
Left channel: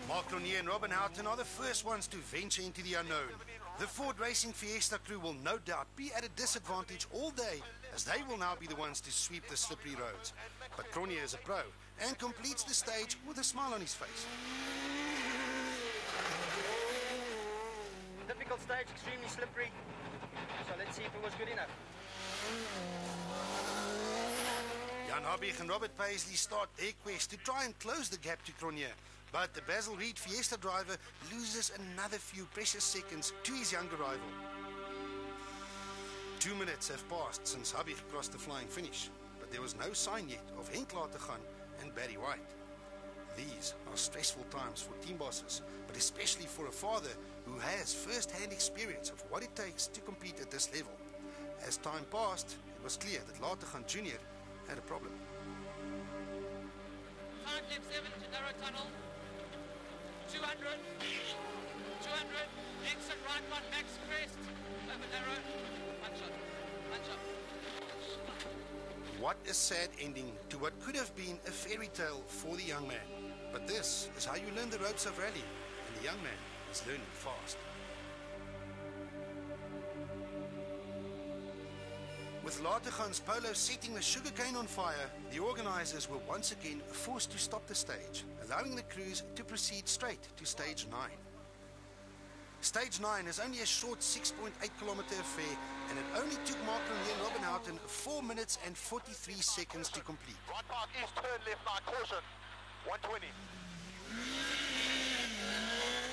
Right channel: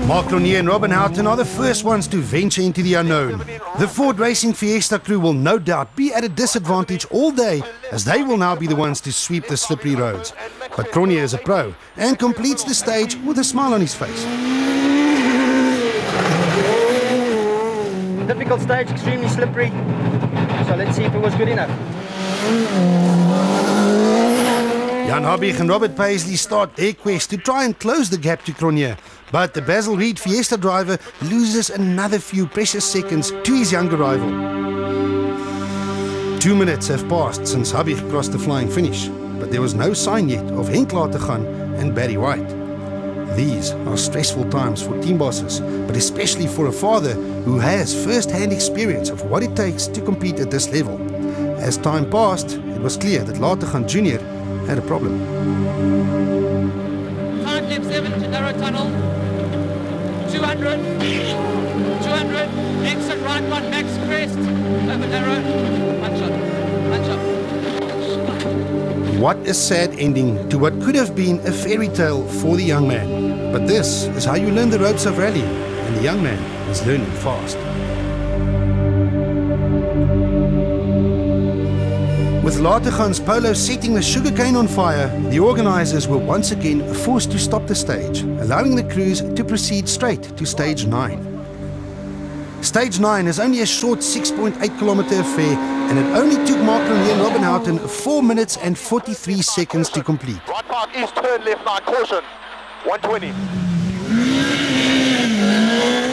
Mark Cronje and Robin Houghton are the first ones to venture into the unknown. The Ford Racing Fiesta crew will no doubt be at a disadvantage all day, as they will now be the ones to sweep the slippery roads. But Cronje is a pro and completes the stage with a smile on his face. Difficult stage, extremely slippery. So let's see if it was good enough. Jan Habig and Robert Paisley start their quest to try and close the gap to Cronje. But the Basil Reed Fiesta driver loses another few precious seconds to his younger rival. 2 minutes have passed since Habig crossed the flying finish, but there was no sign yet of Henk Lateghan and Barry White. These are stressful times for team bosses, but especially for a father who has first-hand experience of what it takes to compete at this level. As time passed, it was clear that Lateghan Jr. had a problem. 5 left 7 to narrow tunnel. 200, 200, exit right one, max crest, over narrow, one shot. What a sad ending to what could have been a fairy tale for the young man. But this is how you learn the ropes of rallying, and the young man is learning fast. With Lateghan's Polo setting the sugarcane on fire, the organisers were once again forced to stop the stage, allowing the crews to proceed straight to Stage 9. Stage 9 is only a short 6.8 kilometre affair, and it only took Mark Cronje and Robin Houghton 4 minutes and 43 seconds to complete. Right park, east turn, left 9, caution, 120.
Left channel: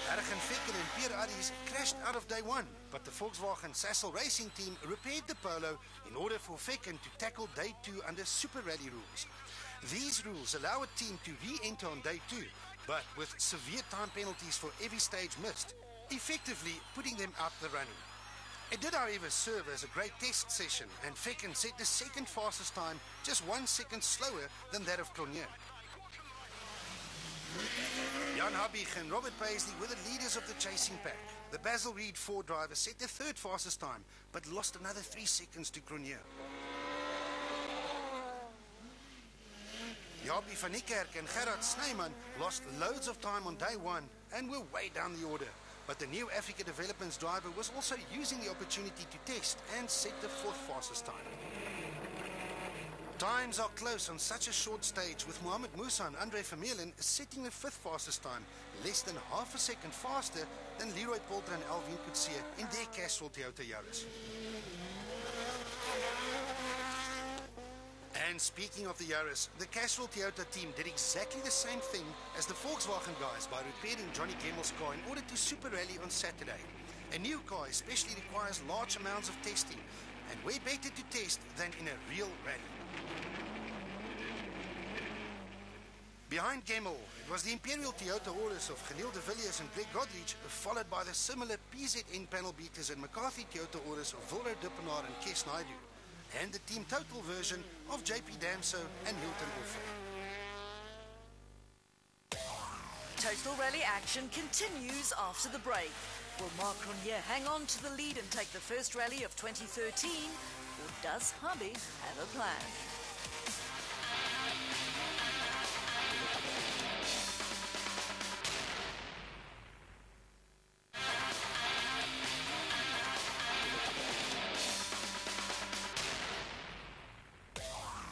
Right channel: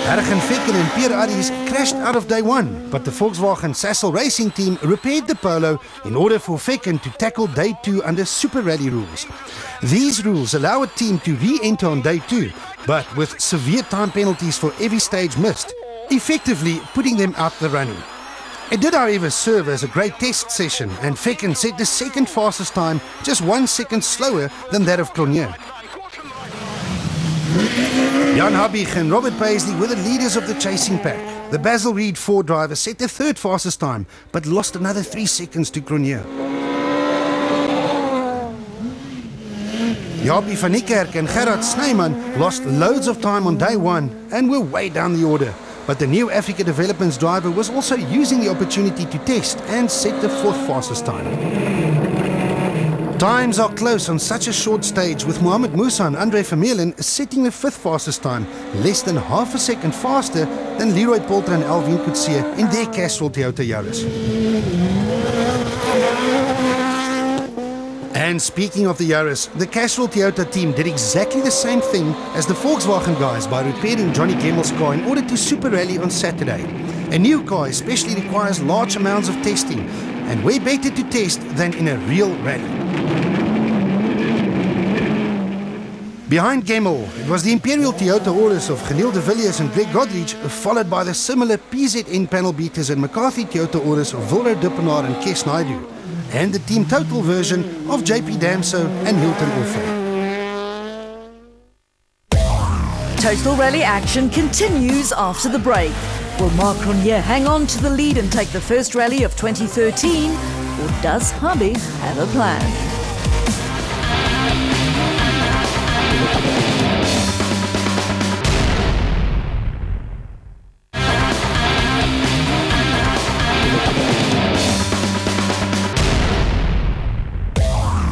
Bergen Vekken and Pierre Aries crashed out of day 1, but the Volkswagen Sassel Racing team repaired the Polo in order for Vekken to tackle day 2 under Super Rally rules. These rules allow a team to re-enter on day 2, but with severe time penalties for every stage missed, effectively putting them out the running. It did, however, serve as a great test session, and Vekken set the second fastest time, just 1 second slower than that of Cronje. Jan Habig and Robert Paisley were the leaders of the chasing pack. The Basil Reed Ford driver set the third fastest time, but lost another 3 seconds to Cronje. Jaapie van Niekerk and Gerard Snyman lost loads of time on day 1 and were way down the order. But the new Africa Developments driver was also using the opportunity to test and set the 4th fastest time. Times are close on such a short stage, with Mohamed Musa and Andre Vermeulen setting the 5th fastest time, less than half a second faster than Leroy Polter and Alvin Coetzee in their Castrol Toyota Yaris. And speaking of the Yaris, the Castrol Toyota team did exactly the same thing as the Volkswagen guys by repairing Johnny Gemmel's car in order to Super Rally on Saturday. A new car especially requires large amounts of testing, and way better to test than in a real rally. Behind Gemmel, it was the Imperial Toyota Auris of Genil de Villiers and Greg Godrich, followed by the similar PZN panel beaters and McCarthy Toyota Auris of Wilro Dippenaar and Kes Naidu, and the Team Total version of JP Damso and Hilton Orfe. Total Rally action continues after the break. Will Mark Cronje hang on to the lead and take the first rally of 2013, or does Habig have a plan?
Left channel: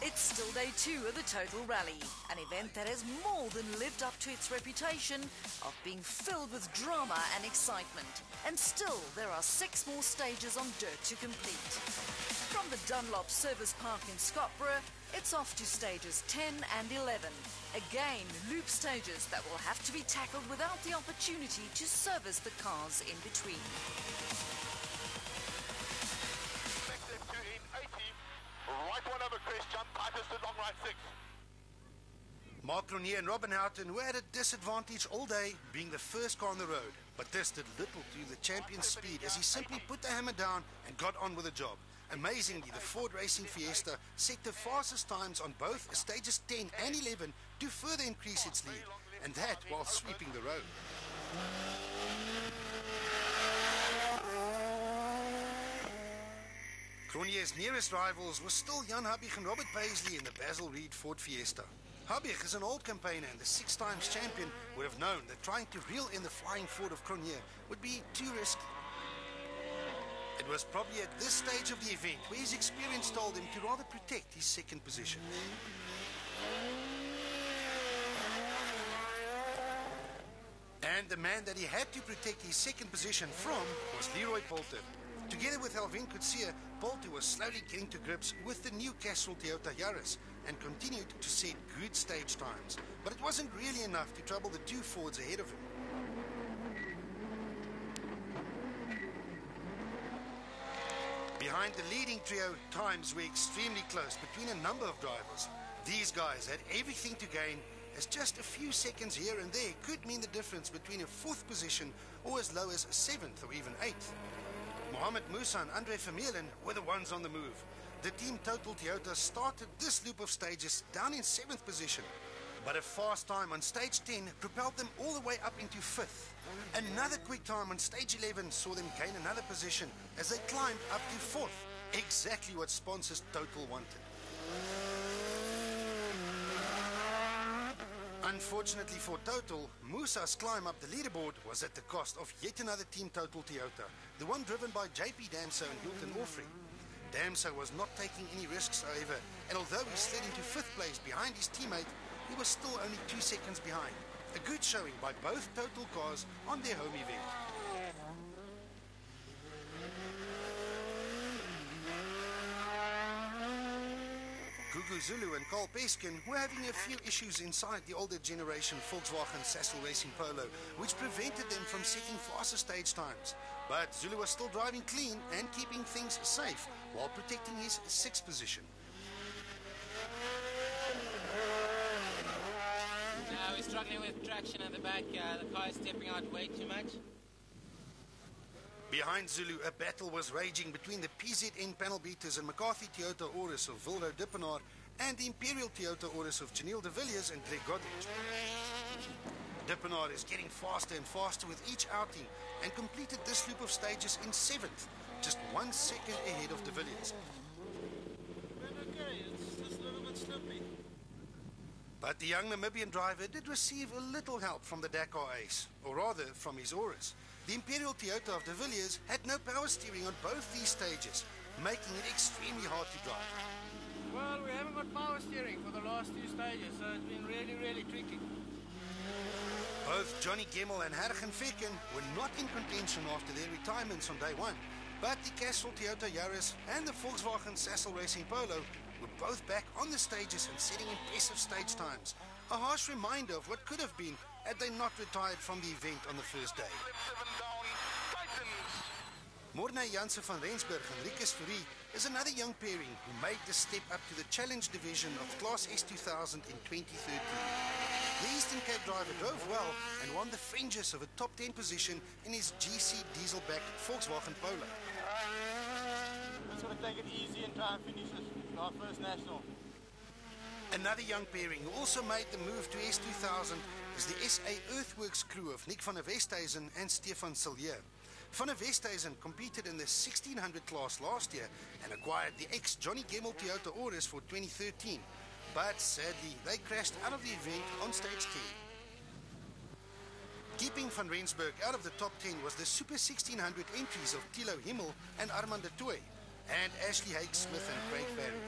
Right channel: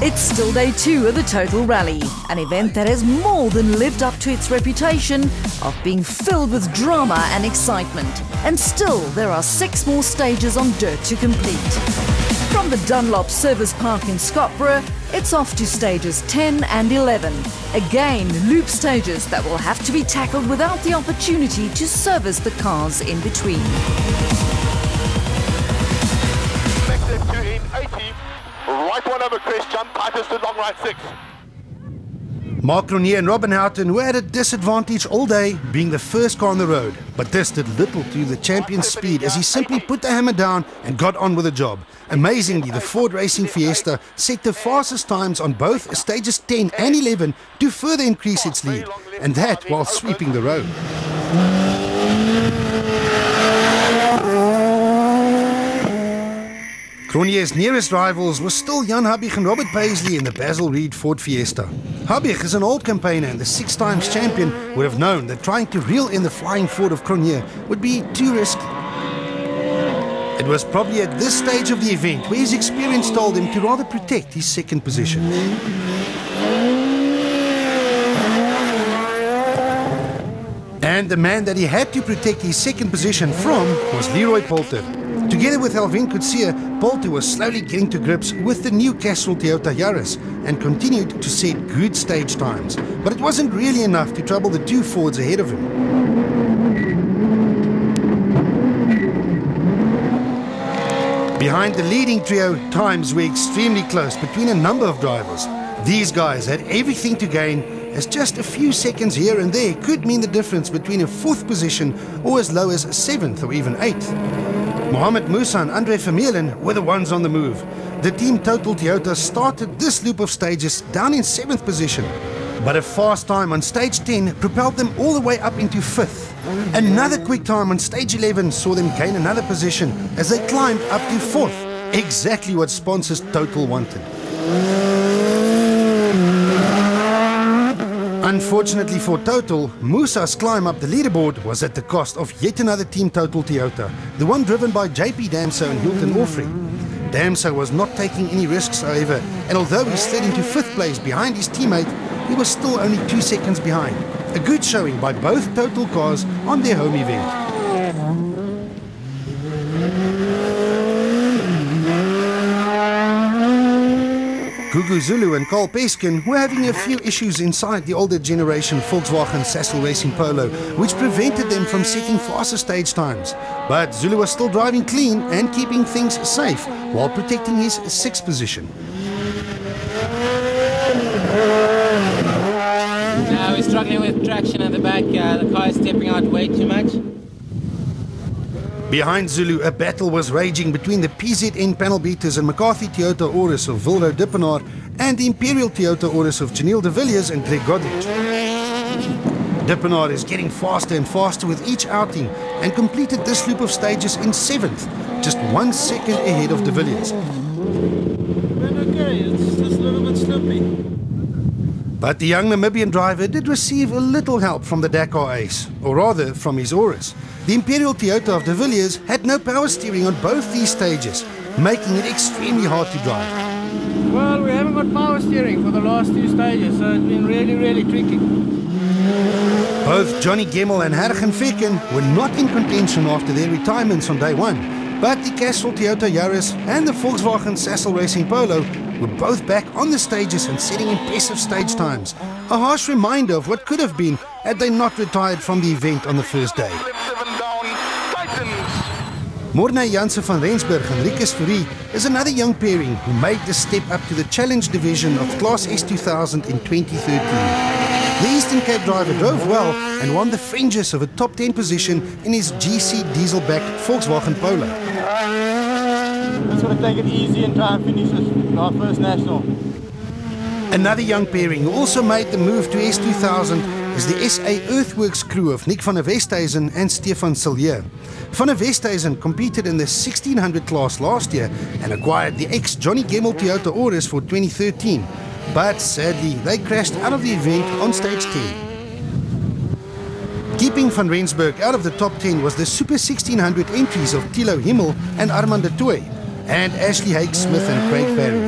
It's still day 2 of the Total Rally, an event that has more than lived up to its reputation of being filled with drama and excitement. And still, there are 6 more stages on dirt to complete. From the Dunlop Service Park in Scottsboro, it's off to stages 10 and 11. Again, loop stages that will have to be tackled without the opportunity to service the cars in between. Right one over crest, jump tightest to long right 6. Mark Cronier and Robin Houghton were at a disadvantage all day, being the first car on the road. But this did little to the champion's speed as he simply put the hammer down and got on with the job. Amazingly, the Ford Racing Fiesta set the fastest times on both stages 10 and 11 to further increase its lead, and that while sweeping the road. Cronier's nearest rivals were still Jan Habig and Robert Paisley in the Basil Reed Ford Fiesta. Habig is an old campaigner and the 6-time champion would have known that trying to reel in the flying Ford of Cronier would be too risky. It was probably at this stage of the event where his experience told him to rather protect his second position. And the man that he had to protect his second position from was Leroy Poulter. Together with Alvin Coetzee, Poulter was slowly getting to grips with the new Castrol Toyota Yaris and continued to set good stage times. But it wasn't really enough to trouble the two Fords ahead of him. Behind the leading trio, times were extremely close between a number of drivers. These guys had everything to gain, as just a few seconds here and there could mean the difference between a 4th position or as low as 7th or even 8th. Mohamed Musa and Andre Vermeulen were the ones on the move. The Team Total Toyota started this loop of stages down in 7th position, but a fast time on stage 10 propelled them all the way up into 5th. Another quick time on stage 11 saw them gain another position as they climbed up to 4th, exactly what sponsors Total wanted. Unfortunately for Total, Musa's climb up the leaderboard was at the cost of yet another Team Total Toyota, the one driven by JP Damso and Hilton Orfrey. Damso was not taking any risks, however, and although he slid into 5th place behind his teammate, he was still only 2 seconds behind. A good showing by both Total cars on their home event. Gugu Zulu and Carl Peskin were having a few issues inside the older generation Volkswagen Sassel Racing Polo, which prevented them from setting faster stage times. But Zulu was still driving clean and keeping things safe while protecting his 6th position. Now we're struggling with traction at the back. The car is stepping out way too much. Behind Zulu, a battle was raging between the PZN panel beaters and McCarthy Toyota Auris of Vilro Dippenaar and the Imperial Toyota Auris of Janelle de Villiers and Greg Godrich. Dippenaar is getting faster and faster with each outing and completed this loop of stages in 7th, just 1 second ahead of de Villiers. Okay, it's just a little bit slippy. But the young Namibian driver did receive a little help from the Dakar ace, or rather from his Auris. The Imperial Toyota of de Villiers had no power steering on both these stages, making it extremely hard to drive. Well, we haven't got power steering for the last 2 stages, so it's been really tricky. Both Johnny Gemmel and Hergen Vecken were not in contention after their retirements on day 1, but the Castrol Toyota Yaris and the Volkswagen Sassel Racing Polo were both back on the stages and setting impressive stage times. A harsh reminder of what could have been had they not retired from the event on the first day. Mornay Janse van Rensburg and Rikus Fourie is another young pairing who made the step up to the Challenge division of Class S2000 in 2013. The Eastern Cape driver drove well and won the fringes of a top 10 position in his GC diesel-backed Volkswagen Polo. Just going to take it easy and try and finish this, our first national. Another young pairing who also made the move to S2000 is the SA Earthworks crew of Nick van der Westhuizen and Stefan Sillier. Van der Westhuizen competed in the 1600 class last year and acquired the ex-Johnny Gemmel Toyota Auris for 2013. But sadly, they crashed out of the event on stage 10. Keeping Van Rensburg out of the top 10 was the Super 1600 entries of Thilo Himmel and Armand de Tooy, and Ashley Hake Smith and Craig Barry.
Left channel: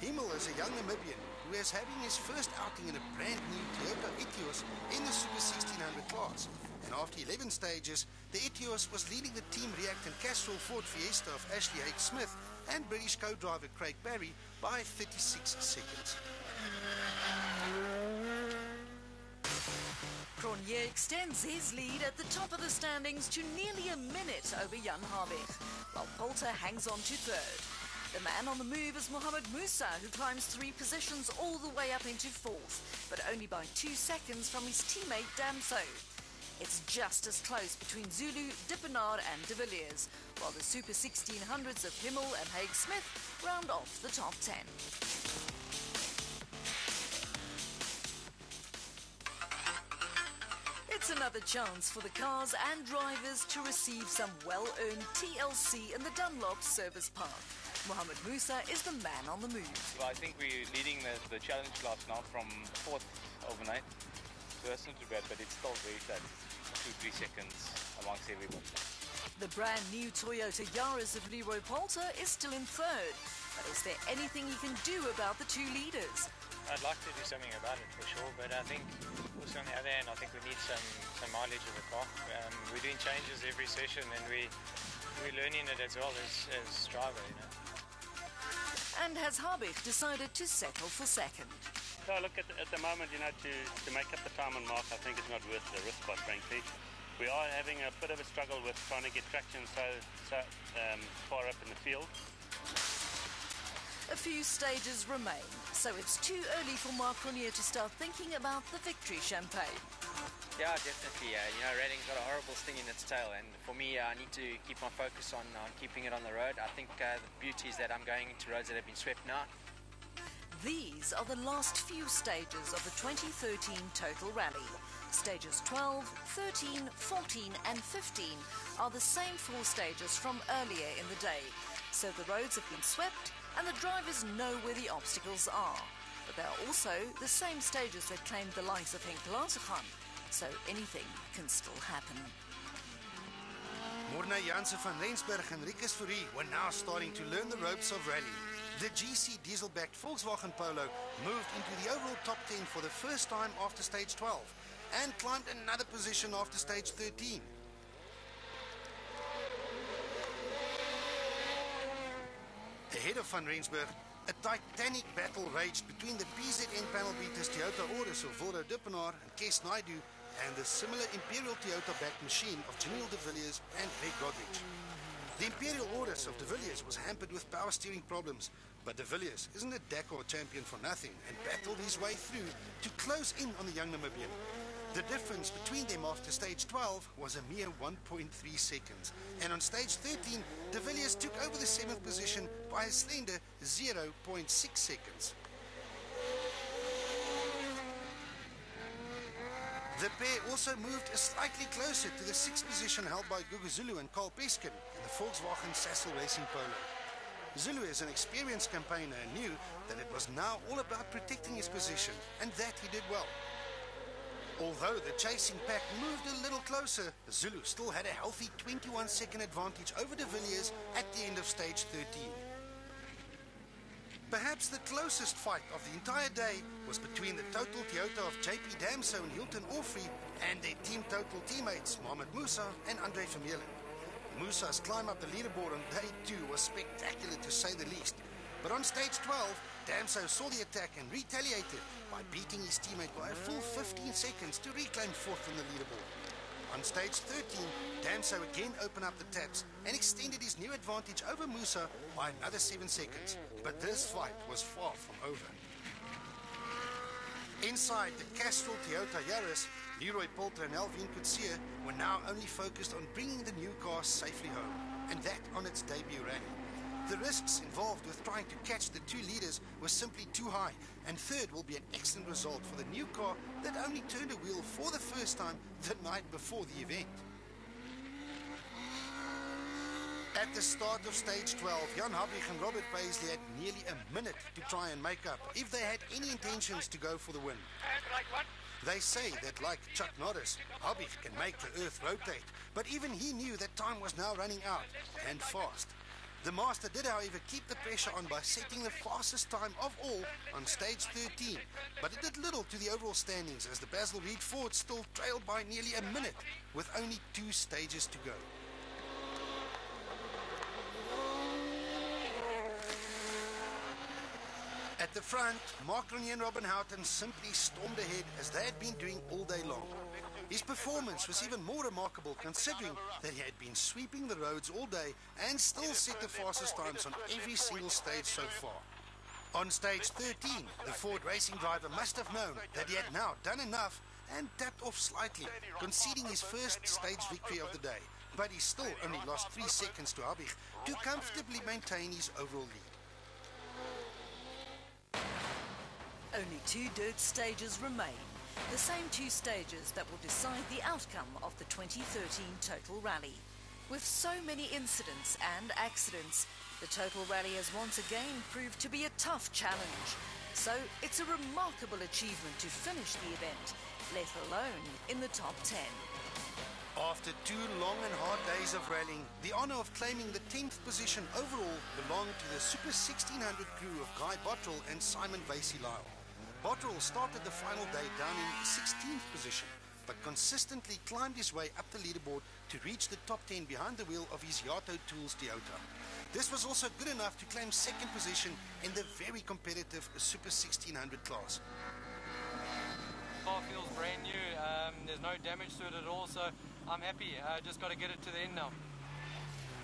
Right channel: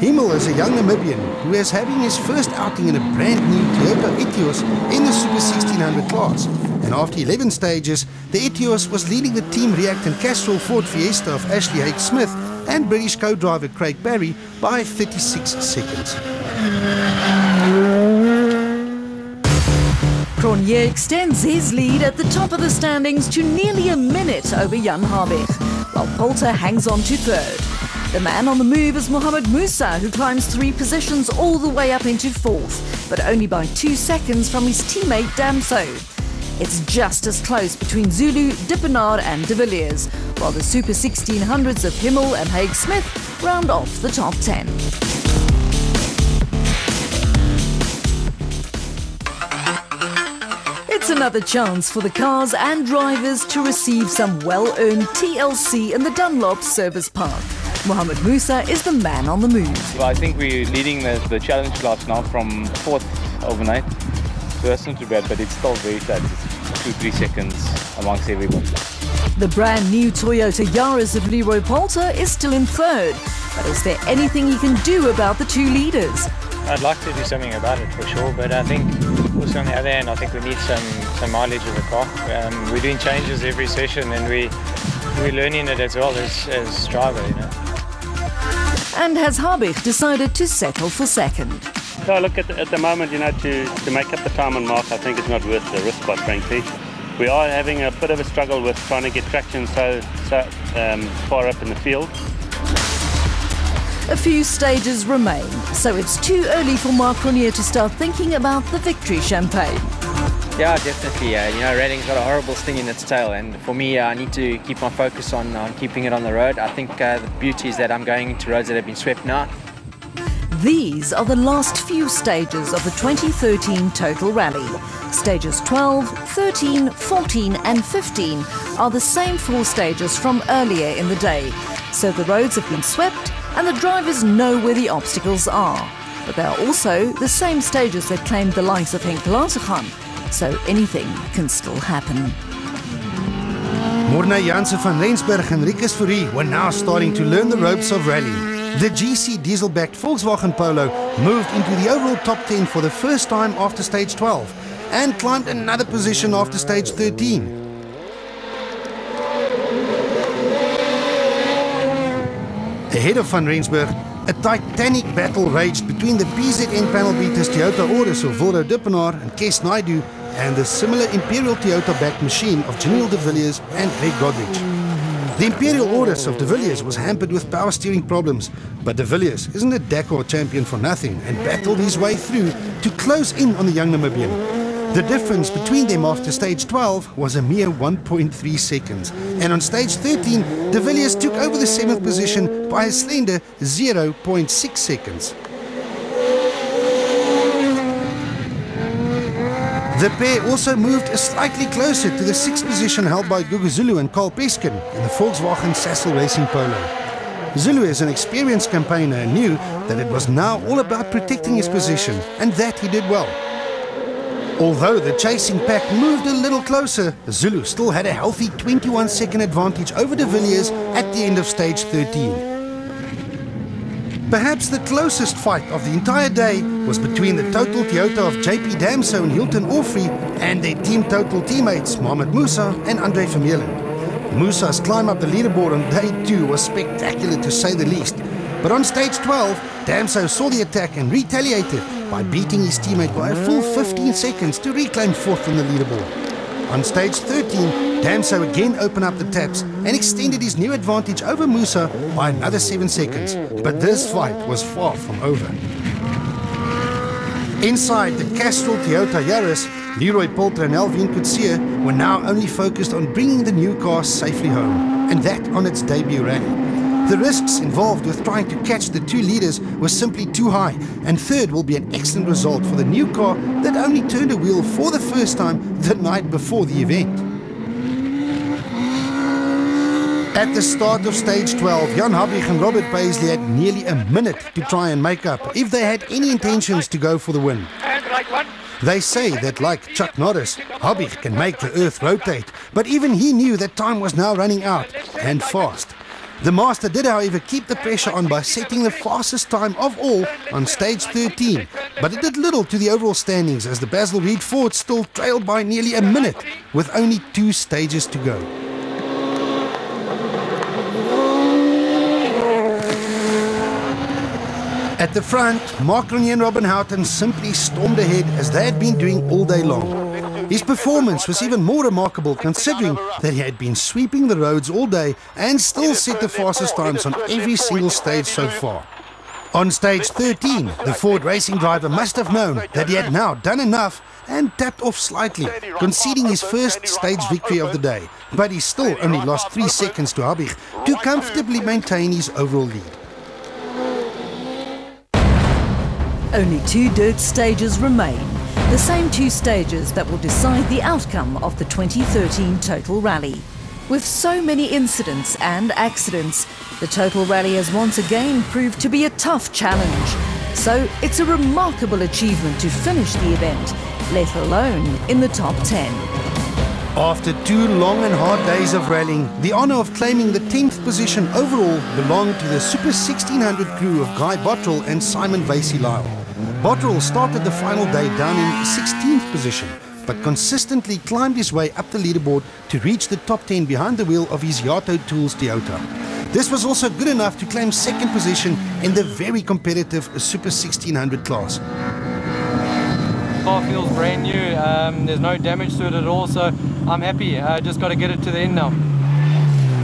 Himmel is a young Namibian who is having his first outing in a brand new Toyota Etios in the Super 1600 class. And after 11 stages, the Etios was leading the Team React and Castrol Ford Fiesta of Ashley Hake Smith and British co-driver Craig Barry by 36 seconds. Cronier extends his lead at the top of the standings to nearly a minute over Jan Habig, while Poulter hangs on to 3rd. The man on the move is Mohamed Musa, who climbs 3 positions all the way up into 4th, but only by 2 seconds from his teammate Damso. It's just as close between Zulu, Dippenaar and de Villiers, while the Super 1600s of Himmel and Haig Smith round off the top 10. It's another chance for the cars and drivers to receive some well-earned TLC in the Dunlop Service Park. Mohamed Musa is the man on the move. Well, I think we're leading the challenge class now from 4th overnight. So that's not too bad, but it's still very tight. It's 2-3 seconds amongst everybody. The brand new Toyota Yaris of Leroy Poulter is still in 3rd. But is there anything he can do about the 2 leaders? I'd like to do something about it for sure, but I think also on the other hand, I think we need some mileage of the car. We're doing changes every session and we're learning it as well as driver, you know. And has Habig decided to settle for 2nd? So look, at the moment, you know, to make up the time on mark, I think it's not worth the risk, quite frankly. We are having a bit of a struggle with trying to get traction so far up in the field. A few stages remain, so it's too early for Marc Grenier to start thinking about the victory champagne. Yeah, definitely. You know, ralling's got a horrible sting in its tail, and for me, I need to keep my focus on keeping it on the road. I think the beauty is that I'm going into roads that have been swept now. These are the last few stages of the 2013 Total Rally. Stages 12, 13, 14 and 15 are the same 4 stages from earlier in the day, so the roads have been swept and the drivers know where the obstacles are. But they are also the same stages that claimed the likes of Henk Lanseghan, so anything can still happen. Morne Janse van Rensburg and Rikus Fourie were now starting to learn the ropes of rallying. The GC diesel-backed Volkswagen Polo moved into the overall top 10 for the first time after stage 12 and climbed another position after stage 13. Ahead of Van Rensburg, a titanic battle raged between the PZN panel beaters Toyota Auris of Wildo Dippenaar and Kes Naidu and the similar Imperial Toyota-backed machine of Janelle de Villiers and Greg Godrich. The Imperial Auris of de Villiers was hampered with power steering problems, but de Villiers isn't a Dakar champion for nothing and battled his way through to close in on the young Namibian. The difference between them after stage 12 was a mere 1.3 seconds. And on stage 13, de Villiers took over the 7th position by a slender 0.6 seconds. The pair also moved slightly closer to the 6th position held by Gugu Zulu and Carl Peskin in the Volkswagen Sassel Racing Polo. Zulu is an experienced campaigner and knew that it was now all about protecting his position, and that he did well. Although the chasing pack moved a little closer, Zulu still had a healthy 21-second advantage over de Villiers at the end of stage 13. Perhaps the closest fight of the entire day was between the Total Toyota of JP Damso and Hilton Orfrey and their Team Total teammates Mohamed Musa and Andre Vermeulen. Musa's climb up the leaderboard on day 2 was spectacular to say the least. But on stage 12, Damso saw the attack and retaliated by beating his teammate by a full 15 seconds to reclaim 4th on the leaderboard. On stage 13, Damso again opened up the taps and extended his new advantage over Musa by another 7 seconds. But this fight was far from over. Inside the Castrol Toyota Yaris, Leroy Poulter and Alvin Coetzee were now only focused on bringing the new car safely home, and that on its debut rally. The risks involved with trying to catch the 2 leaders were simply too high, and 3rd will be an excellent result for the new car that only turned a wheel for the first time the night before the event. At the start of stage 12, Jan Habig and Robert Paisley had nearly a minute to try and make up if they had any intentions to go for the win. They say that, like Chuck Norris, Habig can make the earth rotate, but even he knew that time was now running out, and fast. The master did, however, keep the pressure on by setting the fastest time of all on stage 13, but it did little to the overall standings as the Basil Reed Ford still trailed by nearly a minute with only 2 stages to go. At the front, Marc Grenier and Robin Houghton simply stormed ahead as they had been doing all day long. His performance was even more remarkable considering that he had been sweeping the roads all day and still set the fastest times on every single stage so far. On stage 13, the Ford racing driver must have known that he had now done enough and tapped off slightly, conceding his first stage victory of the day. But he still only lost 3 seconds to Habig to comfortably maintain his overall lead. Only 2 dirt stages remain, the same 2 stages that will decide the outcome of the 2013 Total Rally. With so many incidents and accidents, the Total Rally has once again proved to be a tough challenge. So it's a remarkable achievement to finish the event, let alone in the top 10. After 2 long and hard days of rallying, the honour of claiming the 10th position overall belonged to the Super 1600 crew of Guy Bottrell and Simon Vasey-Lyle. Bottrell started the final day down in 16th position, but consistently climbed his way up the leaderboard to reach the top 10 behind the wheel of his Yato Tools Toyota. This was also good enough to claim 2nd position in the very competitive Super 1600 class. The car feels brand new, there's no damage to it at all, so I'm happy. Just got to get it to the end now.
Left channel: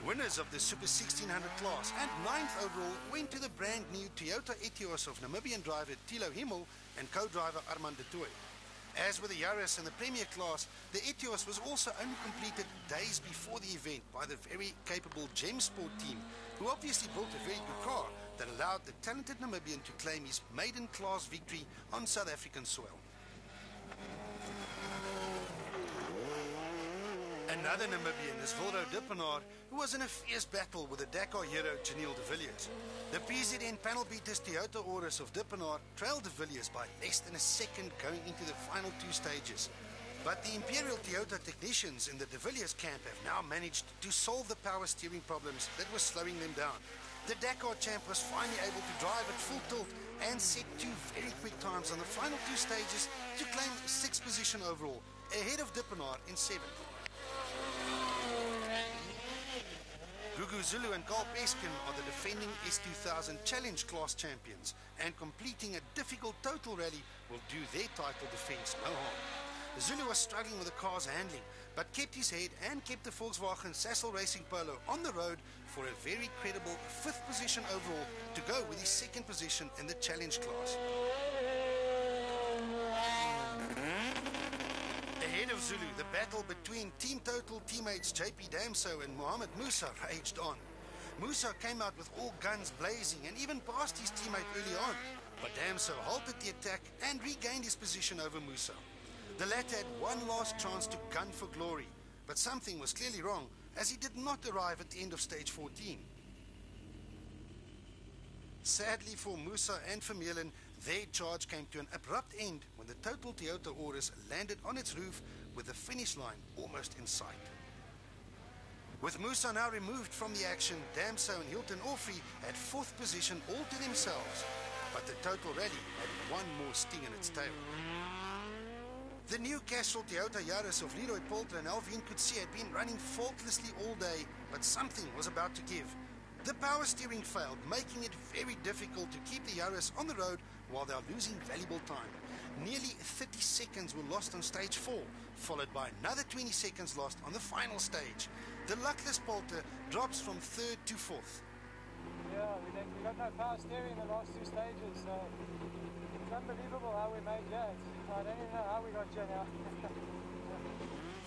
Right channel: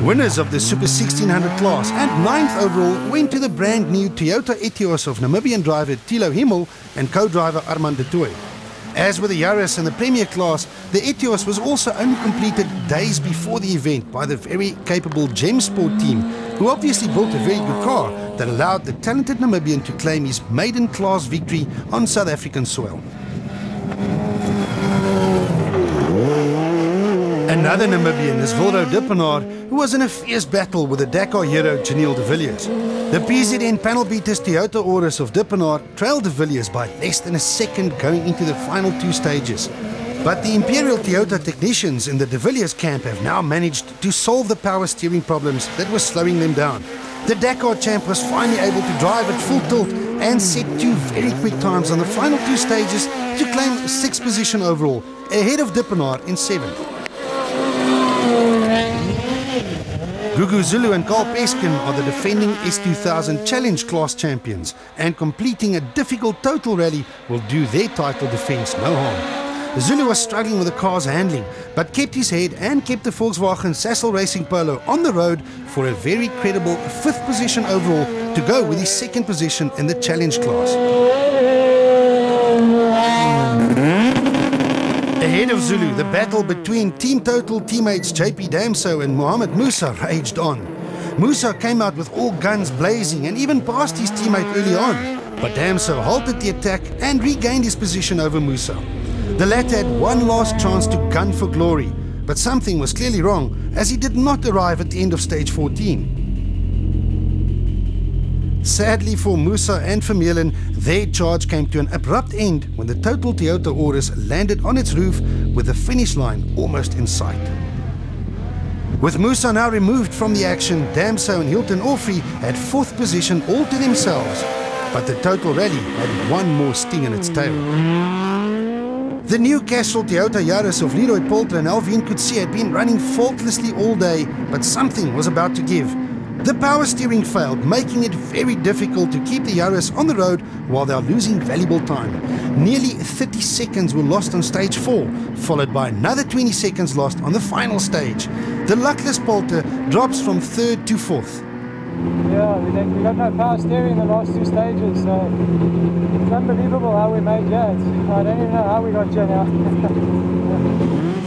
Winners of the Super 1600 class and 9th overall went to the brand new Toyota Etios of Namibian driver Thilo Himmel and co-driver Armand de Tooy. As with the Yaris and the Premier class, the Etios was also only completed days before the event by the very capable Gem Sport team, who obviously built a very good car that allowed the talented Namibian to claim his maiden class victory on South African soil. Another Namibian is Wilro Dippenaar, who was in a fierce battle with the Dakar hero Janiel de Villiers. The PZN panel beaters Toyota Auris of Dippenaar trailed de Villiers by less than a second going into the final 2 stages. But the Imperial Toyota technicians in the de Villiers camp have now managed to solve the power steering problems that were slowing them down. The Dakar champ was finally able to drive at full tilt and set 2 very quick times on the final 2 stages to claim 6th position overall, ahead of Dippenaar in 7th. Gugu Zulu and Carl Peskin are the defending S2000 Challenge class champions, and completing a difficult total rally will do their title defence no harm. Zulu was struggling with the car's handling, but kept his head and kept the Volkswagen Sassel Racing Polo on the road for a very credible 5th position overall to go with his 2nd position in the Challenge class. Ahead of Zulu, the battle between Team Total teammates JP Damso and Mohamed Musa raged on. Musa came out with all guns blazing and even passed his teammate early on, but Damso halted the attack and regained his position over Musa. The latter had one last chance to gun for glory, but something was clearly wrong as he did not arrive at the end of stage 14. Sadly for Musa and Vermeulen, their charge came to an abrupt end when the Total Toyota Auris landed on its roof with the finish line almost in sight. With Musa now removed from the action, Damso and Hilton Orfrey had 4th position all to themselves, but the Total Rally had one more sting in its tail. The new Castrol Toyota Yaris of Leroy Poulter and Alvin Coetzee had been running faultlessly all day, but something was about to give. The power steering failed, making it very difficult to keep the Yaris on the road while they are losing valuable time. Nearly 30 seconds were lost on stage 4, followed by another 20 seconds lost on the final stage. The luckless Poulter drops from 3rd to 4th. Yeah, we got no power steering in the last 2 stages, so it's unbelievable how we made that. I don't even know how we got here now.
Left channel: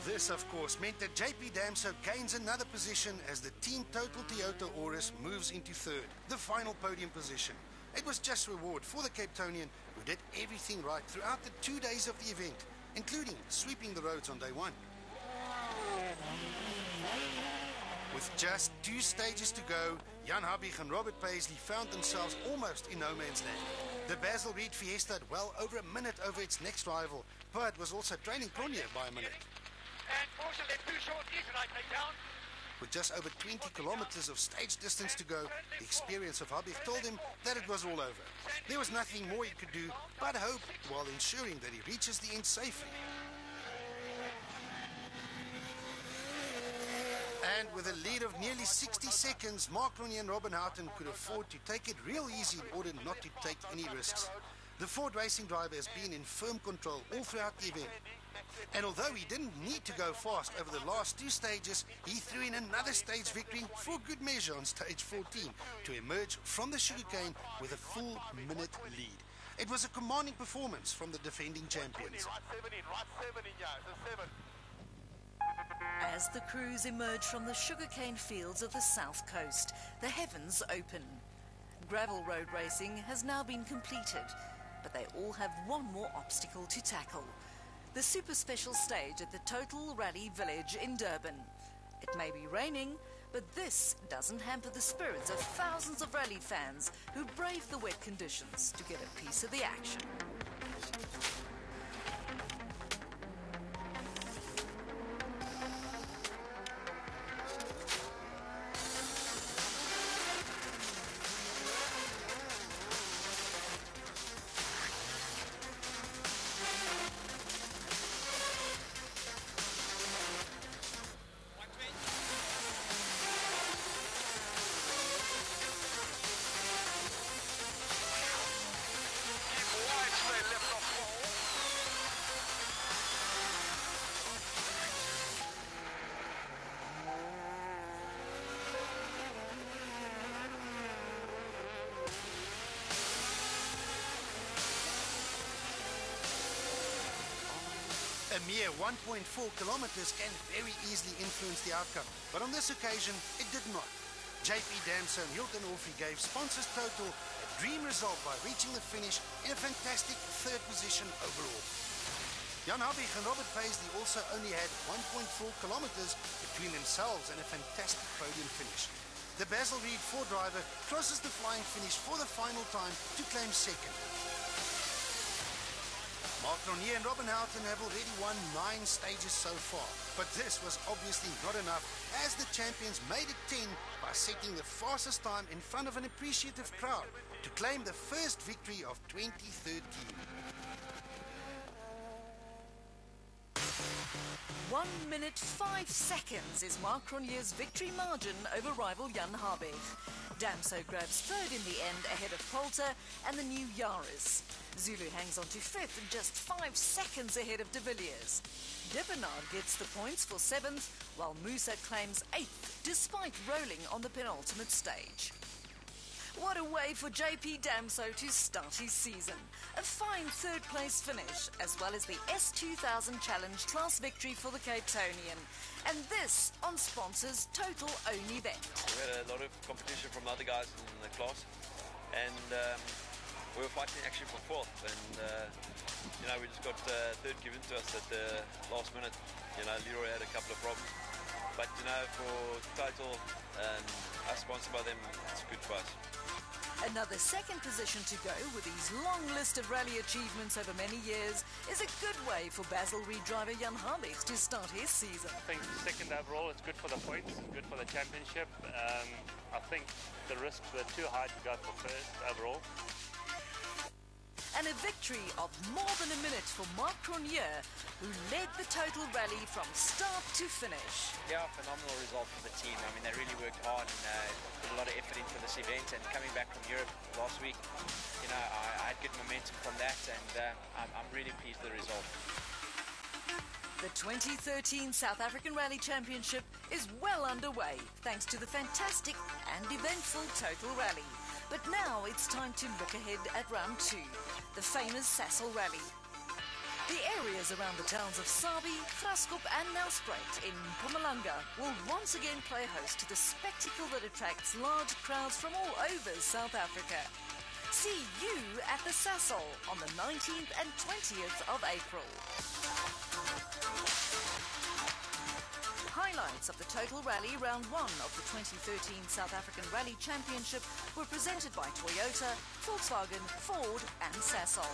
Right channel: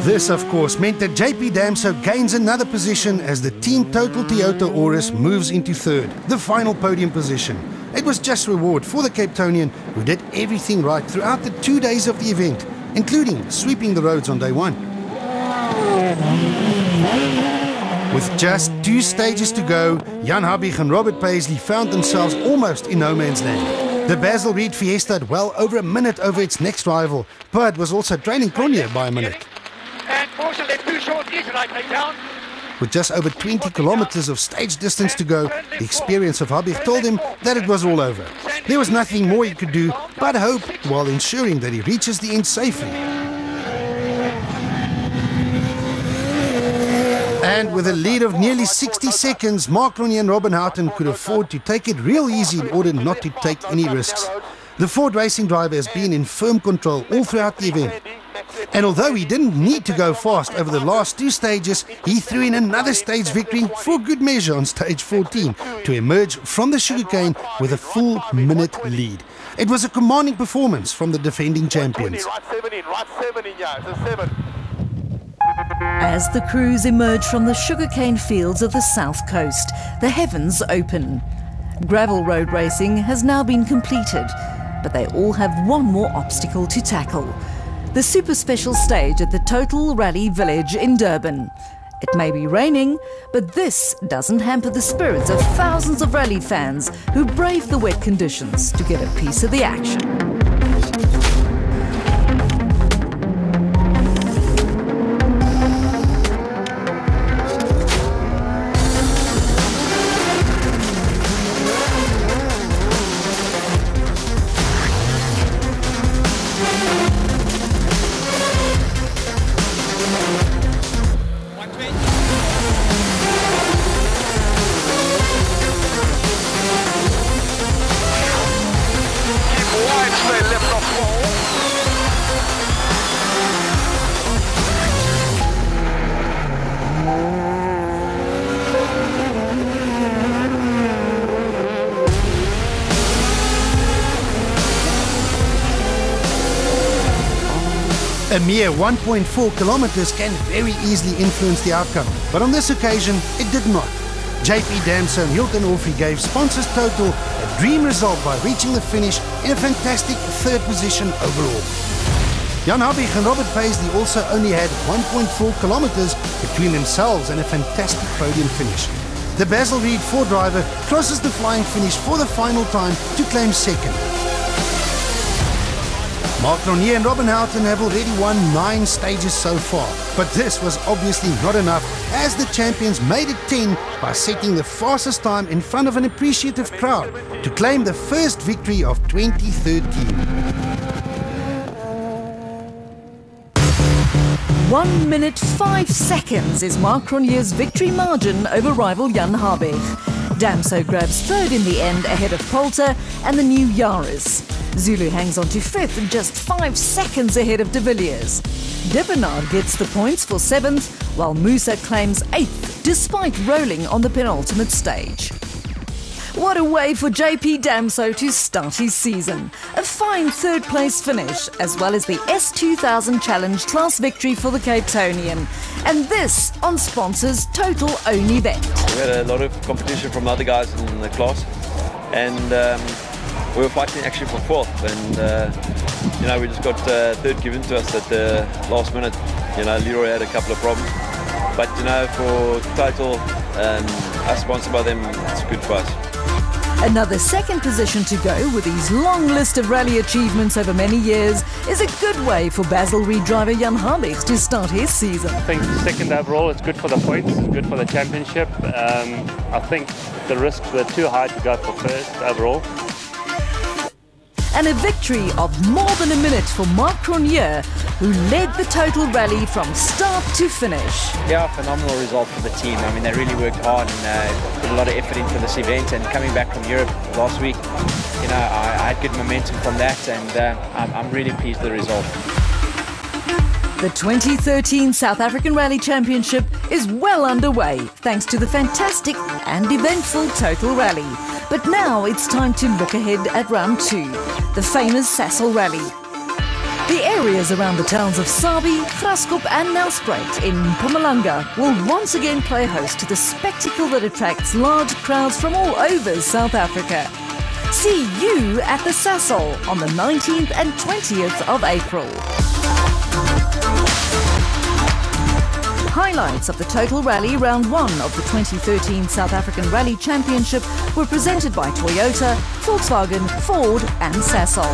This, of course, meant that JP Damso gains another position as the Team Total Toyota Auris moves into 3rd, the final podium position. It was just reward for the Cape Townian, who did everything right throughout the 2 days of the event, including sweeping the roads on day 1. With just 2 stages to go, Jan Habig and Robert Paisley found themselves almost in no man's land. The Basil Reed Fiesta had well over a minute over its next rival, but was also trailing Cronje by a minute. And Porsche left too short, he's right down. With just over 20 kilometers of stage distance to go, the experience of Habig told him that it was all over. There was nothing more he could do but hope while ensuring that he reaches the end safely. And with a lead of nearly 60 seconds, Mark Cronje and Robin Houghton could afford to take it real easy in order not to take any risks. The Ford racing driver has been in firm control all throughout the event. And although he didn't need to go fast over the last two stages, he threw in another stage victory for good measure on stage 14 to emerge from the sugarcane with a full minute lead. It was a commanding performance from the defending champions. As the crews emerge from the sugarcane fields of the south coast, the heavens open. Gravel road racing has now been completed, but they all have one more obstacle to tackle. The super special stage at the Total Rally Village in Durban. It may be raining, but this doesn't hamper the spirits of thousands of rally fans who brave the wet conditions to get a piece of the action. A mere 1.4 kilometers can very easily influence the outcome, but on this occasion it did not. JP Damso and Hilton Orphy gave sponsors Total a dream result by reaching the finish in a fantastic third position overall. Jan Habig and Robert Paisley also only had 1.4 kilometers between themselves and a fantastic podium finish. The Basil Reed Ford driver crosses the flying finish for the final time to claim second. Mark Ronier and Robin Houghton have already won 9 stages so far, but this was obviously not enough as the champions made it 10 by setting the fastest time in front of an appreciative crowd to claim the first victory of 2013. 1 minute 5 seconds is Mark Ronier's victory margin over rival Jan Habig. Damso grabs third in the end ahead of Poulter and the new Yaris. Zulu hangs on to fifth and just 5 seconds ahead of de Villiers. De Bernard gets the points for 7th, while Musa claims 8th, despite rolling on the penultimate stage. What a way for JP Damso to start his season. A fine third-place finish, as well as the S2000 Challenge class victory for the Cape Townian. And this on sponsors' Total own event. We had a lot of competition from other guys in the class, and we were fighting actually for 4th, and we just got 3rd given to us at the last minute. Leroy had a couple of problems, but for Total and us sponsored by them, it's good for us. Another second position to go with his long list of rally achievements over many years is a good way for Basil Reed driver Jan Habig to start his season. I think second overall, it's good for the points, good for the championship. I think the risks were too high to go for first overall. And a victory of more than a minute for Mark Ronier, who led the Total Rally from start to finish. Yeah, phenomenal result for the team. I mean, they really worked hard and put a lot of effort into this event. And coming back from Europe last week, I had good momentum from that, and I'm really pleased with the result. The 2013 South African Rally Championship is well underway thanks to the fantastic and eventful Total Rally. But now it's time to look ahead at round 2, the famous Sasol Rally. The areas around the towns of Sabi, Graskop and Nelspruit in Mpumalanga will once again play host to the spectacle that attracts large crowds from all over South Africa. See you at the Sasol on the 19th and 20th of April. Highlights of the Total Rally Round 1 of the 2013 South African Rally Championship were presented by Toyota, Volkswagen, Ford and Sasol.